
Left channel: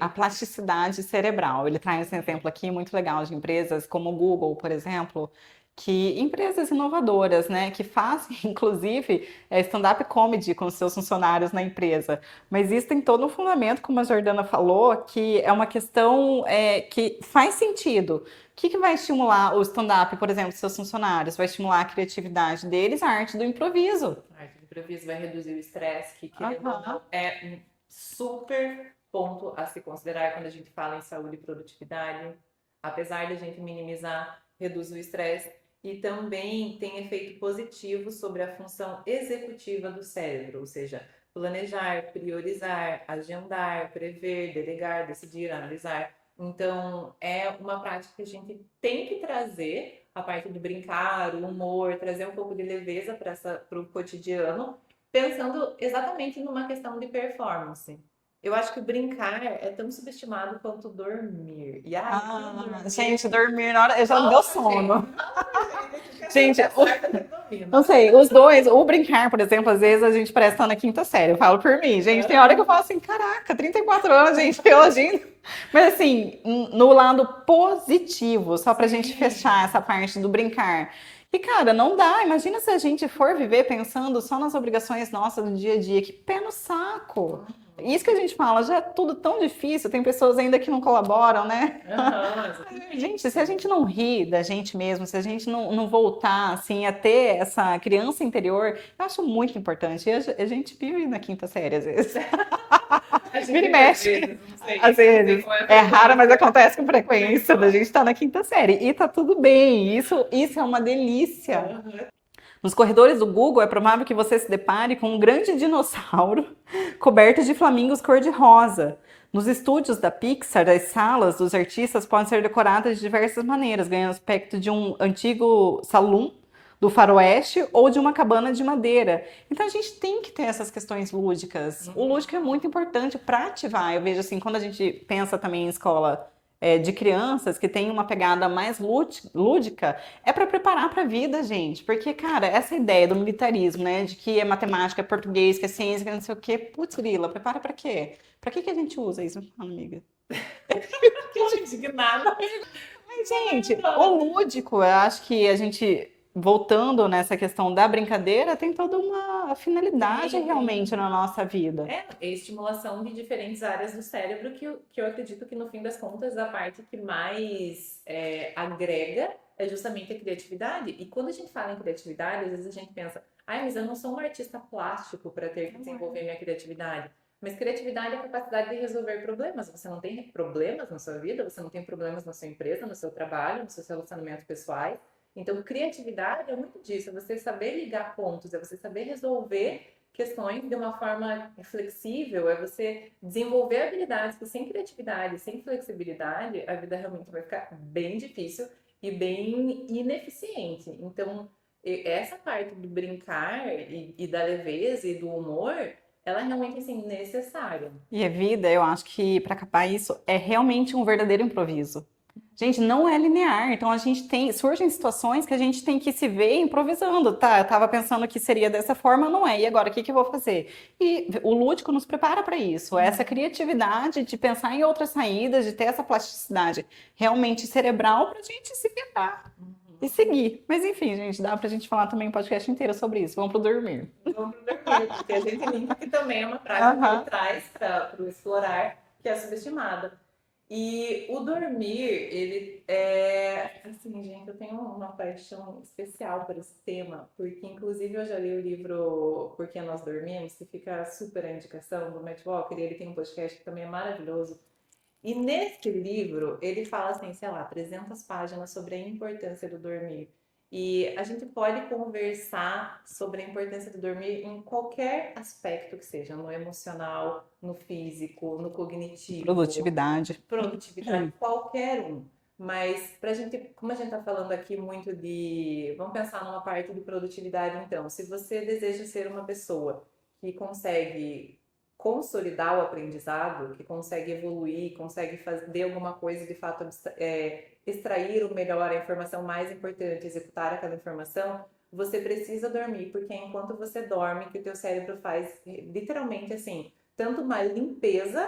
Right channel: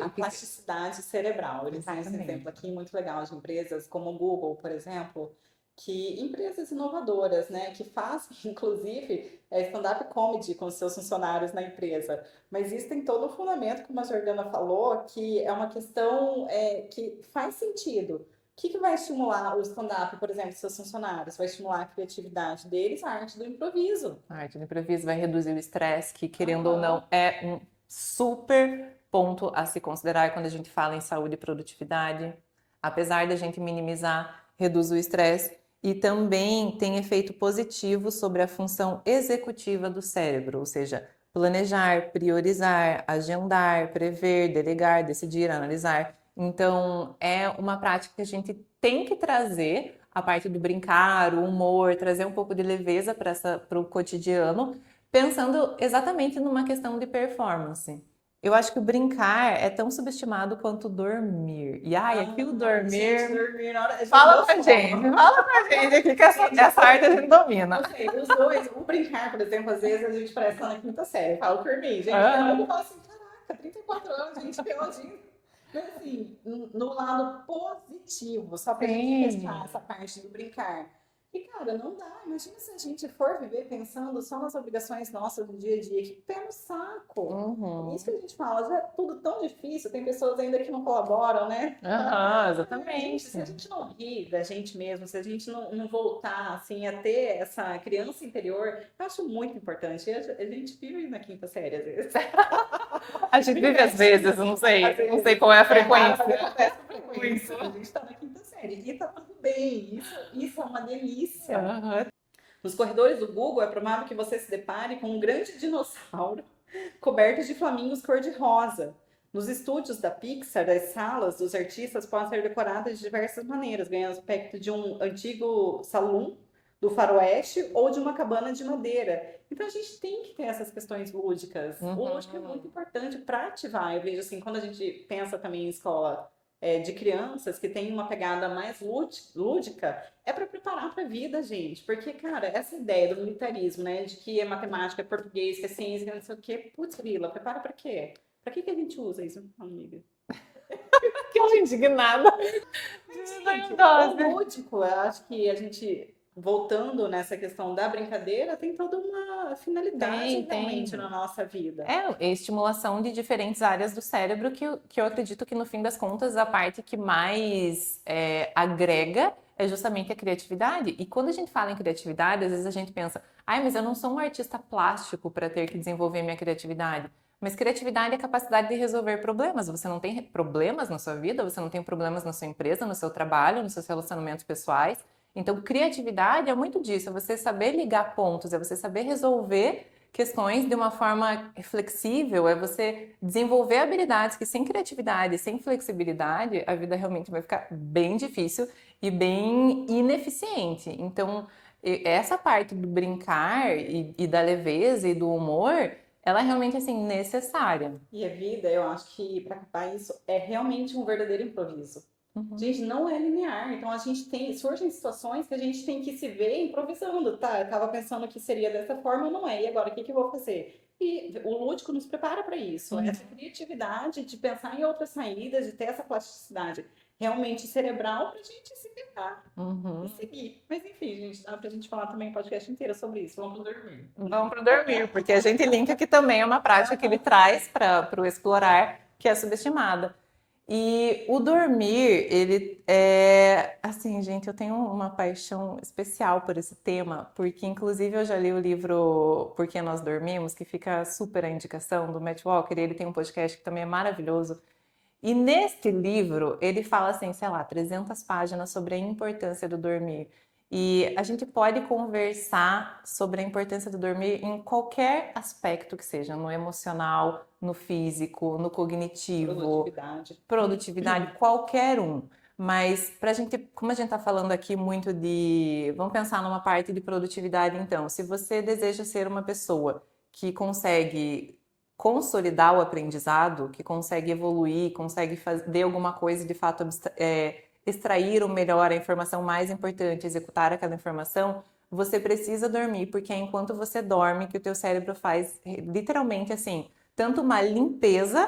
a plasticidade cerebral. Ele traz um Exatamente. exemplo aqui muito legal de empresas como o Google, por exemplo, que empresas inovadoras, né, que fazem, inclusive, stand-up comedy com seus funcionários na empresa. Mas isso tem todo um fundamento, como a Jordana falou, que é uma questão que faz sentido. O que vai estimular o stand-up, por exemplo, dos seus funcionários? Vai estimular a criatividade deles, a arte do improviso. A arte do improviso vai reduzir o estresse, que querendo ou Aham. não é um super ponto a se considerar quando a gente fala em saúde e produtividade. Apesar da gente minimizar, reduz o estresse e também tem efeito positivo sobre a função executiva do cérebro, ou seja, planejar, priorizar, agendar, prever, delegar, decidir, analisar. Então, é uma prática que a gente tem que trazer a parte do brincar, o humor, trazer um pouco de leveza para o cotidiano, pensando exatamente numa questão de performance. Eu acho que o brincar é tão subestimado quanto dormir. E ai, aqui o Gente, dormir. dormir na hora. Já Fala deu pra sono. gente, fala pra gente aqui que Gente, essa arte a gente domina. Não sei, os dois, o brincar, por exemplo, às vezes a gente parece estar na quinta série, eu falo por mim, gente, tem hora que eu falo assim, caraca, 34 anos, gente, eu agindo. Mas assim, no lado positivo, só pra gente Sim. fechar essa parte do brincar. E, cara, não dá. Imagina se a gente for viver pensando só nas obrigações nossas do dia a dia. Que pé no saco. Uhum. Isso que a gente fala, já é tudo tão difícil. Tem pessoas ainda que não colaboram, né? Aham, exatamente. Gente, se a gente não rir da gente mesmo, se a gente não voltar, assim, a ter essa criança interior, eu acho muito importante. E a gente vive na quinta série, às vezes. A gente Vira e vive às mexe. vezes, eu não sei. Às vezes. Não sei qual é a É frequência. raro, mas acontece com frequência. A gente tá na quinta série. E tá tudo bem. Isso é uma delícia. Aham. Nos corredores do Google, é provável que você se depare com um grande dinossauro coberto de flamingos cor-de-rosa. Nos estúdios da Pixar, as salas dos artistas podem ser decoradas de diversas maneiras, ganhando aspecto de um antigo salão do faroeste ou de uma cabana de madeira. Então a gente tem que ter essas questões lúdicas. O lúdico é muito importante para ativar. Eu vejo assim, quando a gente pensa também em escola de crianças que tem uma pegada mais lúdica, é para preparar para a vida, gente. Porque, cara, essa ideia do militarismo, né, de que é matemática, é português, que é ciência, que é não sei o quê, putz, grila, prepara para quê? Para que a gente usa isso? Me fala, amiga. Que indignada. Mas, gente, Nossa. o lúdico, eu acho que a gente, voltando nessa questão da brincadeira, tem toda uma finalidade Tem. realmente na nossa vida. É estimulação de diferentes áreas do cérebro que eu acredito que, no fim das contas, a parte que mais agrega é justamente a criatividade. E quando a gente fala em criatividade, às vezes a gente pensa, ai, mas eu não sou um artista plástico para ter que desenvolver minha criatividade. Mas criatividade é a capacidade de resolver problemas. Você não tem problemas na sua vida, você não tem problemas na sua empresa, no seu trabalho, nos seus relacionamentos pessoais. Então, criatividade é muito disso, é você saber ligar pontos, é você saber resolver questões de uma forma flexível, é você desenvolver habilidades que sem criatividade, sem flexibilidade, a vida realmente vai ficar bem difícil e bem ineficiente. Então, essa parte do brincar e da leveza e do humor, ela é realmente assim necessária. E a vida, eu acho que para acabar isso, é realmente um verdadeiro improviso. Gente, não é linear, então a gente surgem situações que a gente tem que se ver improvisando, tá? Eu tava pensando que seria dessa forma, não é, e agora o que eu vou fazer? E o lúdico nos prepara para isso, essa criatividade de pensar em outras saídas, de ter essa plasticidade realmente cerebral pra gente se virar e seguir. Mas enfim, gente, dá pra gente falar também um podcast inteiro sobre isso. Vamos pro dormir. Vamos pro dormir, porque a gente linka que também é uma prática que ele traz para o explorar, que é subestimada. E o dormir, ele é assim, gente, eu tenho uma paixão especial por esse tema, porque inclusive eu já li o livro Por que Nós Dormimos, que fica super a indicação do Matt Walker, e ele tem um podcast que também é maravilhoso. E neste livro, ele fala assim, sei lá, 300 páginas sobre a importância do dormir. E a gente pode conversar sobre a importância do dormir em qualquer aspecto que seja, no emocional, no físico, no cognitivo, Produtividade. produtividade, qualquer um. Mas pra gente, como a gente está falando aqui muito de, vamos pensar numa parte de produtividade então. Se você deseja ser uma pessoa que consegue consolidar o aprendizado, que consegue evoluir, consegue fazer alguma coisa de fato extrair o melhor, a informação mais importante, executar aquela informação, você precisa dormir, porque é enquanto você dorme que o teu cérebro faz literalmente assim, tanto uma limpeza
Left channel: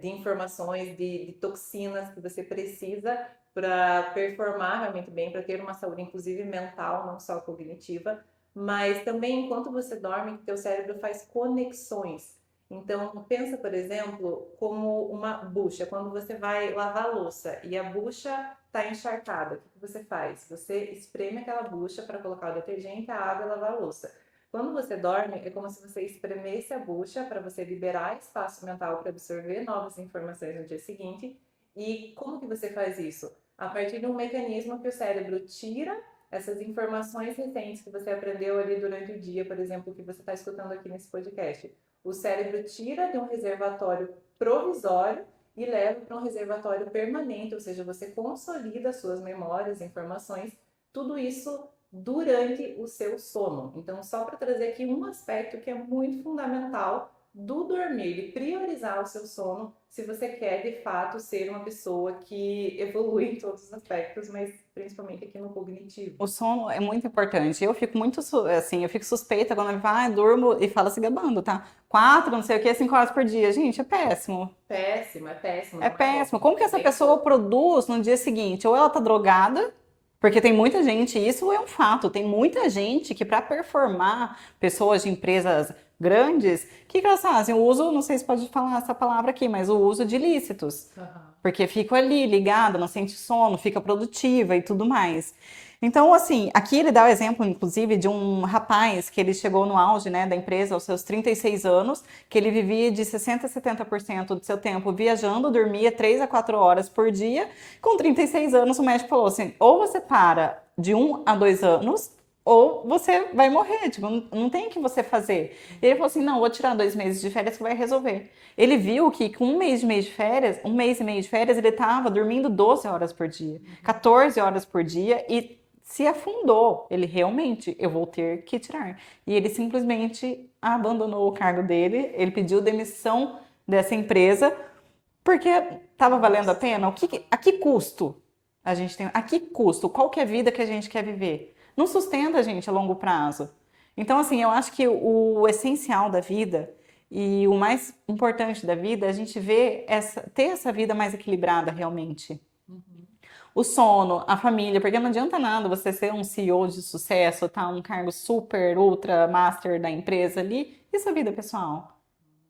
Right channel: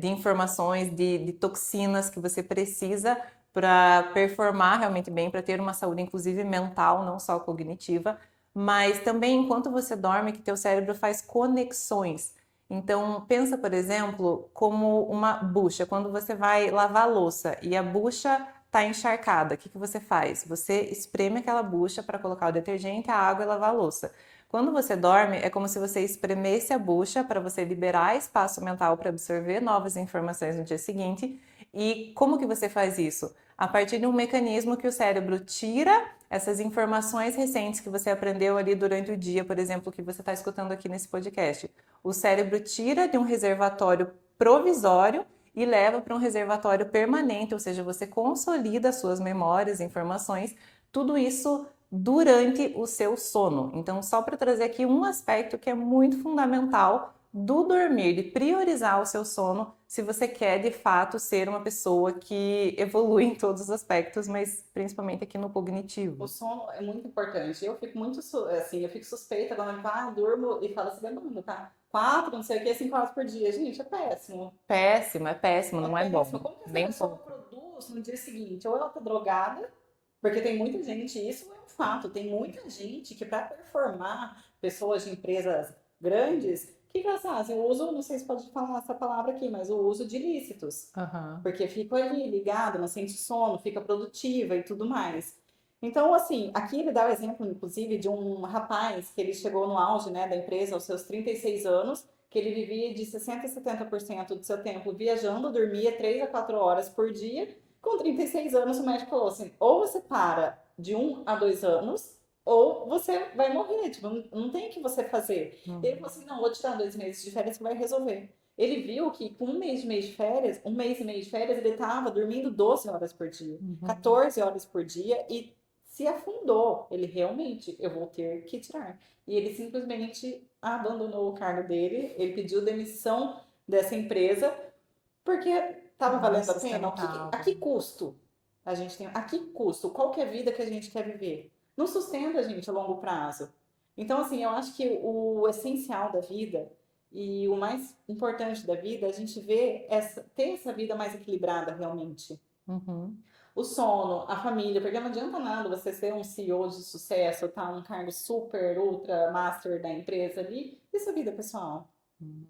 de informações, de toxinas que você precisa para performar realmente bem, para ter uma saúde inclusive mental, não só cognitiva, mas também enquanto você dorme que teu cérebro faz conexões. Então, pensa, por exemplo, como uma bucha. Quando você vai lavar a louça e a bucha está encharcada, o que que você faz? Você espreme aquela bucha para colocar o detergente, a água e lavar a louça. Quando você dorme, é como se você espremesse a bucha para você liberar espaço mental para absorver novas informações no dia seguinte. E como que você faz isso? A partir de um mecanismo que o cérebro tira essas informações recentes que você aprendeu ali durante o dia, por exemplo, que você está escutando aqui nesse podcast. O cérebro tira de um reservatório provisório e leva para um reservatório permanente, ou seja, você consolida suas memórias, informações, tudo isso durante o seu sono. Então, só para trazer aqui um aspecto que é muito fundamental do dormir, de priorizar o seu sono, se você quer de fato ser uma pessoa que evolui em todos os aspectos, mas principalmente aqui no O cognitivo. sono é muito importante. Eu fico muito, assim, eu fico suspeita quando vai, durmo e fala se gabando, tá? 4, não sei o que, 5 horas por dia. Gente, é péssimo. Péssimo, É não é péssimo. bom. Como que essa Bem pessoa pouco. produz no dia seguinte? Ou ela tá drogada, porque tem muita gente, isso é um fato, tem muita gente que para performar, pessoas de empresas grandes, o que que elas fazem? O uso, não sei se pode falar essa palavra aqui, mas o uso de ilícitos. Aham. Porque fica ali ligada, não sente sono, fica produtiva e tudo mais. Então, assim, aqui ele dá o exemplo, inclusive, de um rapaz que ele chegou no auge, né, da empresa aos seus 36 anos, que ele vivia de 60% a 70% do seu tempo viajando, dormia 3 a 4 horas por dia. Com 36 anos, o médico falou assim: ou você para de 1 a 2 anos, ou você vai morrer, tipo, não tem o que você fazer. Ele falou assim: não, vou tirar 2 meses de férias que vai resolver. Ele viu que com um mês de férias, 1 mês e meio de férias, ele estava dormindo 12 horas por dia, Uhum. 14 horas por dia e se afundou. Ele realmente, eu vou ter que tirar. E ele simplesmente abandonou o cargo dele, ele pediu demissão dessa empresa porque estava Não é valendo a pena. A sustentável. que custo a gente tem? A que custo? Qual que é a vida que a gente quer viver? Não sustenta a gente a longo prazo. Então, assim, eu acho que o essencial da vida e o mais importante da vida é a gente ter essa vida mais equilibrada realmente. Uhum. O sono, a família, porque não adianta nada você ser um CEO de sucesso, tá um cargo super, ultra, master da empresa ali, e sua vida pessoal?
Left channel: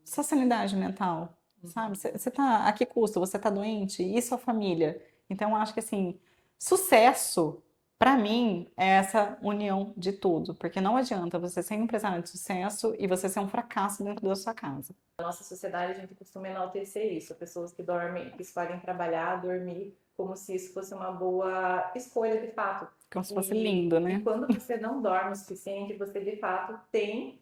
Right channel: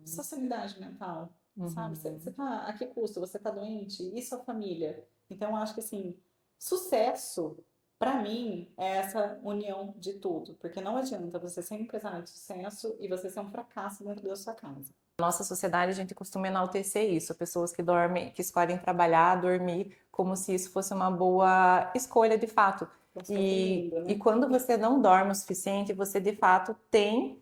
Sua sanidade mental, sabe? Uhum. Você tá, a que custo? Você tá doente? E sua família? Então, eu acho que assim, sucesso, pra mim, é essa união de tudo, porque não adianta você ser um empresário de sucesso e você ser um fracasso dentro da sua casa. Na nossa sociedade, a gente costuma enaltecer isso, pessoas que dormem, que escolhem trabalhar, dormir, como se isso fosse uma boa escolha de fato. Como se fosse E, lindo, e né? quando você não dorme o suficiente, você de fato tem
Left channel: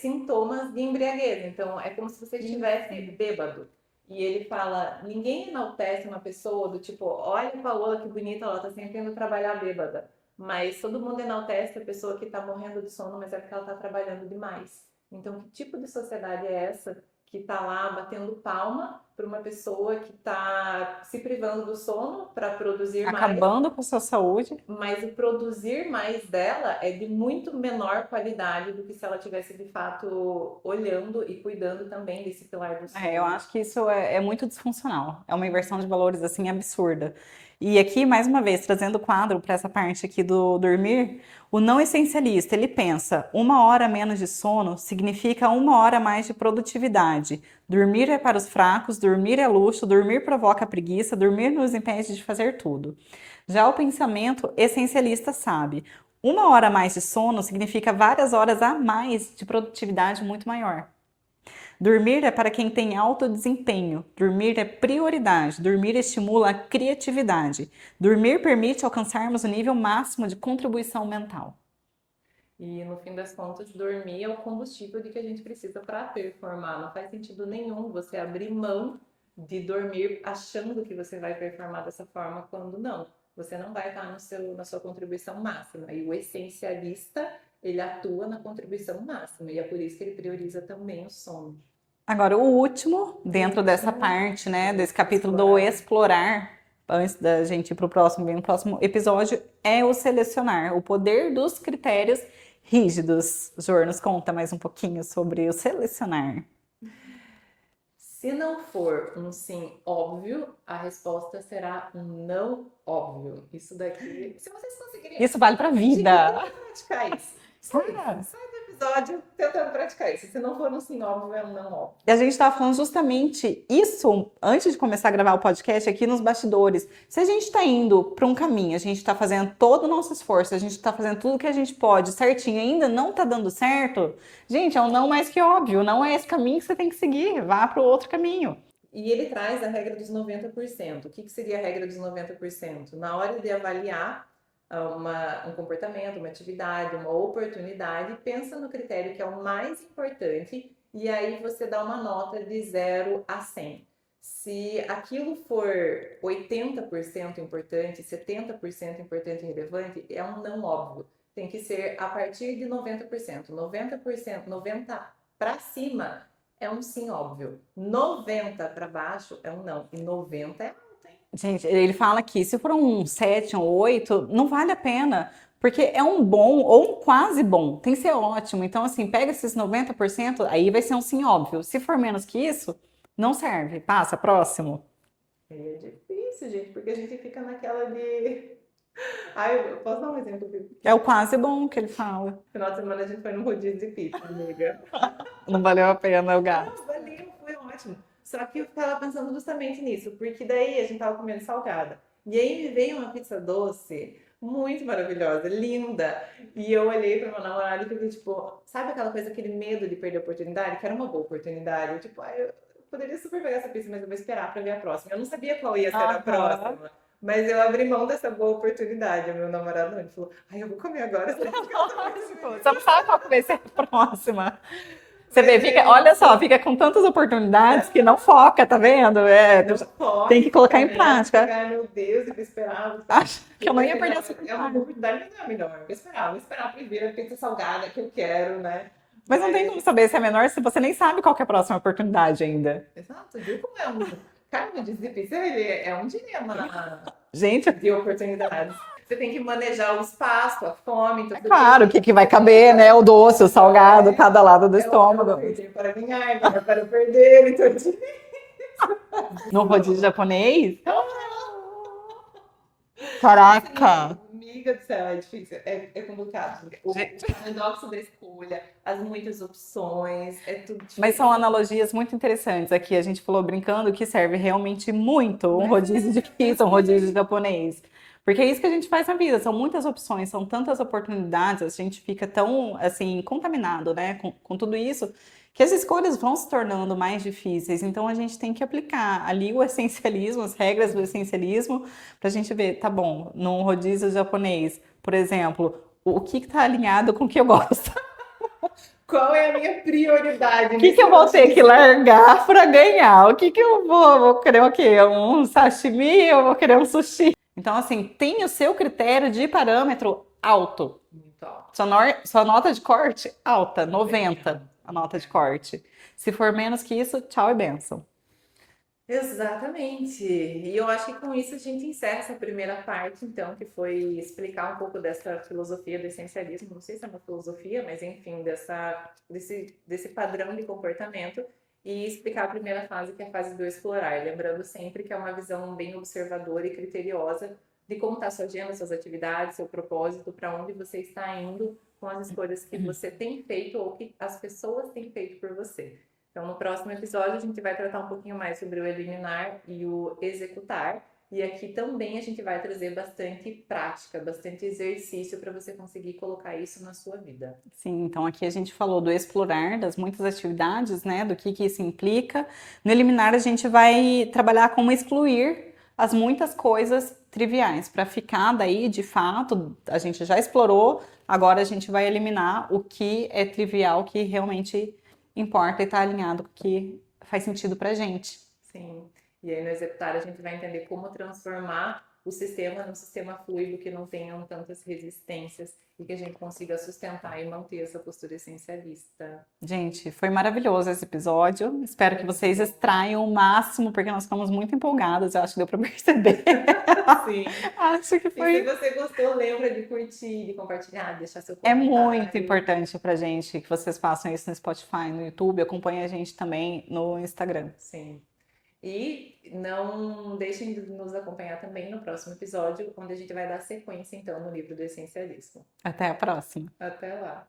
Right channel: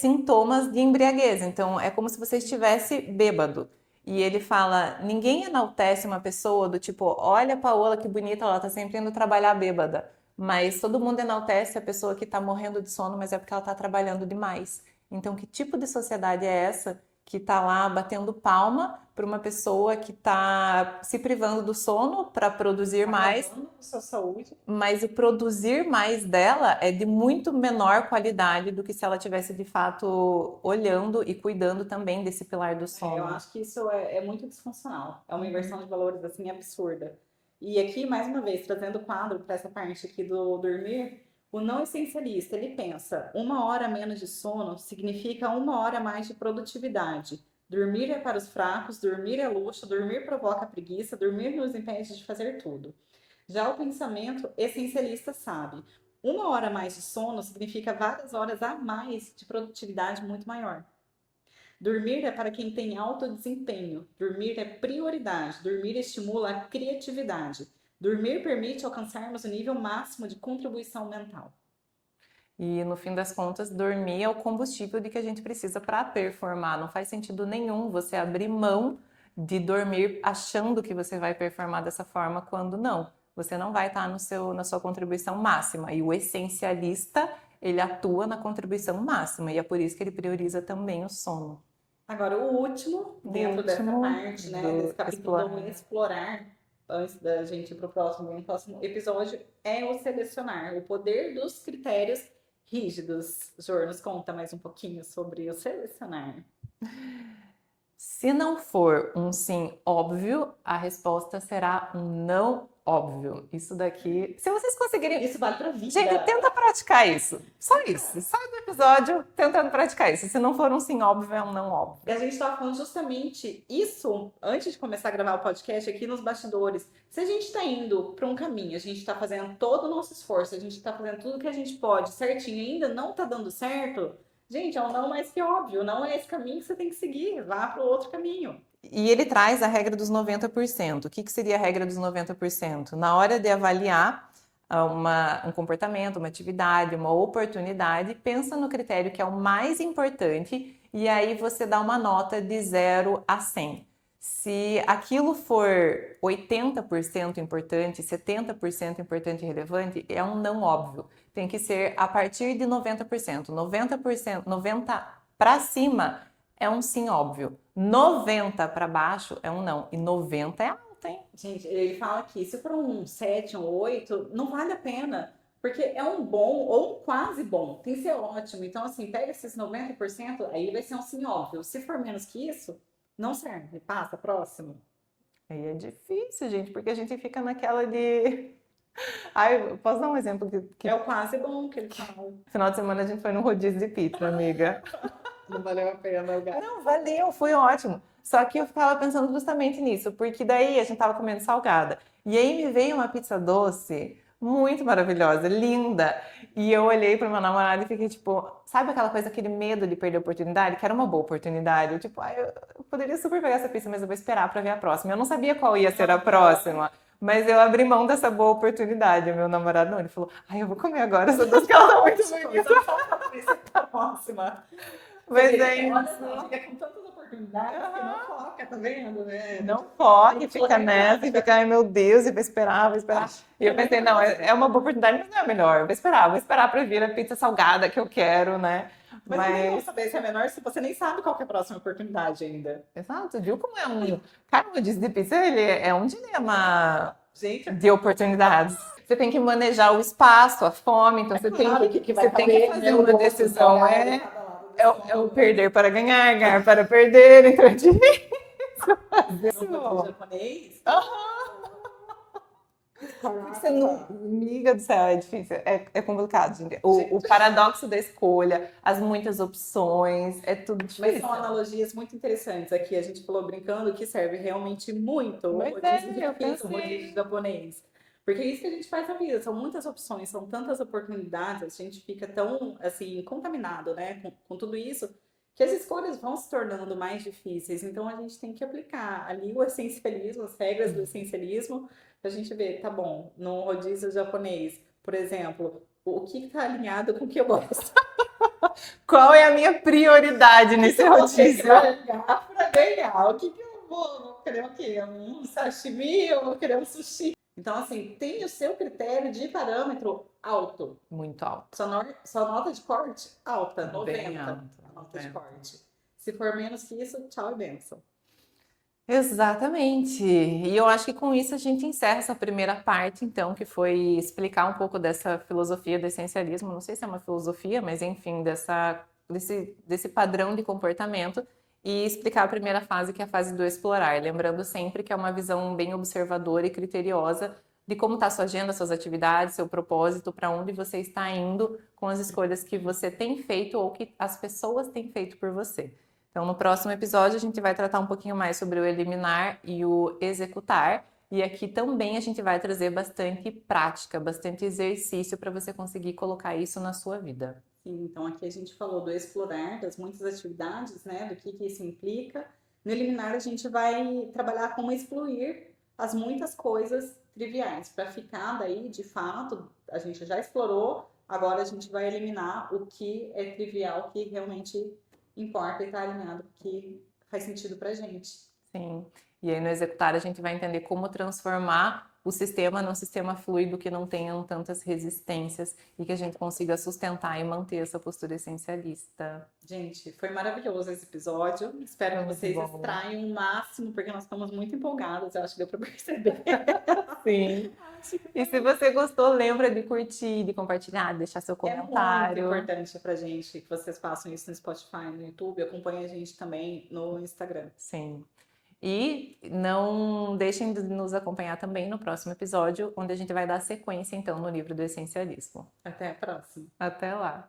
sintomas de embriaguez. Então, é como se você estivesse bêbado. E ele fala: ninguém enaltece uma pessoa do tipo, olha a Paola que bonita, ela tá sempre indo trabalhar bêbada. Mas todo mundo enaltece a pessoa que tá morrendo de sono, mas é porque ela tá trabalhando demais. Então, que tipo de sociedade é essa que tá lá batendo palma para uma pessoa que tá se privando do sono para produzir mais, Acabando com a sua saúde. mas o produzir mais dela é de muito menor qualidade do que se ela tivesse de fato olhando e cuidando também desse pilar do É, eu sono. acho que isso é muito disfuncional. É uma inversão de valores assim absurda. E aqui, mais uma vez, trazendo o quadro para essa parte aqui do dormir, o não essencialista, ele pensa, 1 hora a menos de sono significa 1 hora a mais de produtividade. Dormir é para os fracos, dormir é luxo, dormir provoca preguiça, dormir nos impede de fazer tudo. Já o pensamento essencialista sabe, 1 hora a mais de sono significa várias horas a mais de produtividade muito maior. Dormir é para quem tem alto desempenho. Dormir é prioridade. Dormir estimula a criatividade. Dormir permite alcançarmos o nível máximo de contribuição mental. E no fim das contas, dormir é o combustível de que a gente precisa para performar. Não faz sentido nenhum você abrir mão de dormir achando que você vai performar dessa forma quando não. Você não vai estar na sua contribuição máxima. E o essencialista, ele atua na contribuição máxima. E é por isso que ele prioriza também o sono. Agora, o último, dentro dessa parte, né, desse capítulo do explorar, antes da gente ir para o próximo episódio, é o selecionar, o poder dos critérios rígidos. Jor, nos conta mais um pouquinho sobre o selecionar. Se não for um sim óbvio, a resposta será um não óbvio. Isso daqui, se vocês conseguirem... Isso vale pra vida. Gente, tenta praticar isso. Só isso. Sai do episódio tentando praticar isso. Se não for um sim óbvio, é um não óbvio. E a gente estava falando justamente isso antes de começar a gravar o podcast aqui nos bastidores. Se a gente está indo para um caminho, a gente está fazendo todo o nosso esforço, a gente está fazendo tudo que a gente pode certinho, ainda não está dando certo, gente, é um não mais que óbvio. Não é esse caminho que você tem que seguir. Vá para o outro caminho. E ele traz a regra dos 90%. O que seria a regra dos 90%? Na hora de avaliar um comportamento, uma atividade, uma oportunidade, pensa no critério que é o mais importante e aí você dá uma nota de 0 a 100. Se aquilo for 80% importante, 70% importante e relevante, é um não óbvio. Tem que ser a partir de 90%. 90% para cima é um sim óbvio. 90 para baixo é um não. E 90 é alto, hein? Gente, ele fala que se for um 7, um 8, não vale a pena. Porque é um bom ou um quase bom. Tem que ser ótimo. Então, assim, pega esses 90%, aí vai ser um sim óbvio. Se for menos que isso, não serve. Passa, próximo. Aí é difícil, gente, porque a gente fica naquela de... Ai, eu posso dar um exemplo? É o quase bom que ele fala. Final de semana a gente foi num rodízio de pizza, amiga. Não valeu a pena o gato. Não, valeu, foi ótimo. Só que eu ficava pensando justamente nisso, porque daí a gente tava comendo salgada. E aí me veio uma pizza doce muito maravilhosa, linda. E eu olhei para meu namorado e fiquei tipo, sabe aquela coisa, aquele medo de perder a oportunidade? Que era uma boa oportunidade. Eu tipo, eu poderia super pegar essa pizza, mas eu vou esperar para ver a próxima. Eu não sabia qual ia ser a próxima. Mas eu abri mão dessa boa oportunidade. O meu namorado não, ele falou, eu vou comer agora essa doce que ela tá muito bonita. Só sabe qual vai ser a próxima. Você vê, olha só, fica com tantas oportunidades que não foca, tá vendo? Não foca, tem que colocar em prática. Fica, ai meu Deus, eu vou esperar. E eu pensei, não, é uma boa oportunidade, mas não é a melhor. Vou esperar pra vir a pizza salgada que eu quero, né? Mas não tem como saber se é menor se você nem sabe qual que é a próxima oportunidade ainda. Exato, viu como é um... Cara, o rodízio de pizza, ele é um dilema, gente, de oportunidades. Você tem que manejar o espaço, a fome. Então claro, o que vai caber, né? O doce, o salgado, cada lado do estômago. É o perder para ganhar, ganhar para perder. Então é difícil. No rodízio japonês? Caraca! Amiga do céu, é difícil, é complicado. Gente. O paradoxo da escolha, as muitas opções, é tudo difícil. Mas são analogias muito interessantes aqui. A gente falou brincando que serve realmente muito um rodízio de pizza, um rodízio japonês. Porque é isso que a gente faz na vida, são muitas opções, são tantas oportunidades, a gente fica tão, assim, contaminado, né, com tudo isso, que as escolhas vão se tornando mais difíceis. Então, a gente tem que aplicar ali o essencialismo, as regras do essencialismo, para a gente ver, tá bom, num rodízio japonês, por exemplo, o que está alinhado com o que eu gosto? Qual é a minha prioridade nesse que eu vou ter que largar para ganhar? O que eu vou querer o quê? Um sashimi? Eu vou querer um sushi? Então, assim, tem o seu critério de parâmetro alto. Muito alto. Sua nota de corte, alta, 90 alto, a nota de corte. Se for menos que isso, tchau e benção. Exatamente. E eu acho que com isso a gente encerra essa primeira parte, então, que foi explicar um pouco dessa filosofia do essencialismo. Não sei se é uma filosofia, mas enfim, desse padrão de comportamento. e explicar a primeira fase, que é a fase do explorar. Lembrando sempre que é uma visão bem observadora e criteriosa de como está a sua agenda, suas atividades, seu propósito, para onde você está indo com as escolhas que você tem feito ou que as pessoas têm feito por você. Então, no próximo episódio, a gente vai tratar um pouquinho mais sobre o eliminar e o executar. E aqui também a gente vai trazer bastante prática, bastante exercício para você conseguir colocar isso na sua vida. Sim, então aqui a gente falou do explorar, das muitas atividades, né, do que isso implica. No eliminar, a gente vai trabalhar como excluir as muitas coisas triviais, para ficar daí, de fato, a gente já explorou, agora a gente vai eliminar o que é trivial, o que realmente importa e está alinhado com o que faz sentido pra gente. Sim. E aí no executar a gente vai entender como transformar o sistema num sistema fluido que não tenham tantas resistências e que a gente consiga sustentar e manter essa postura essencialista. Gente, foi maravilhoso esse episódio. Espero que Foi muito vocês bom. extraiam o máximo, porque nós ficamos muito empolgadas, eu acho que deu para perceber. Sim. Acho que E se foi. você gostou, lembra de curtir, de compartilhar, de deixar seu É muito comentário. importante pra gente que vocês façam isso no Spotify, no YouTube, acompanhem a gente também no Instagram. Sim. E não deixem de nos acompanhar também no próximo episódio, onde a gente vai dar sequência, então, no livro do Essencialismo. Até a próxima. Até lá!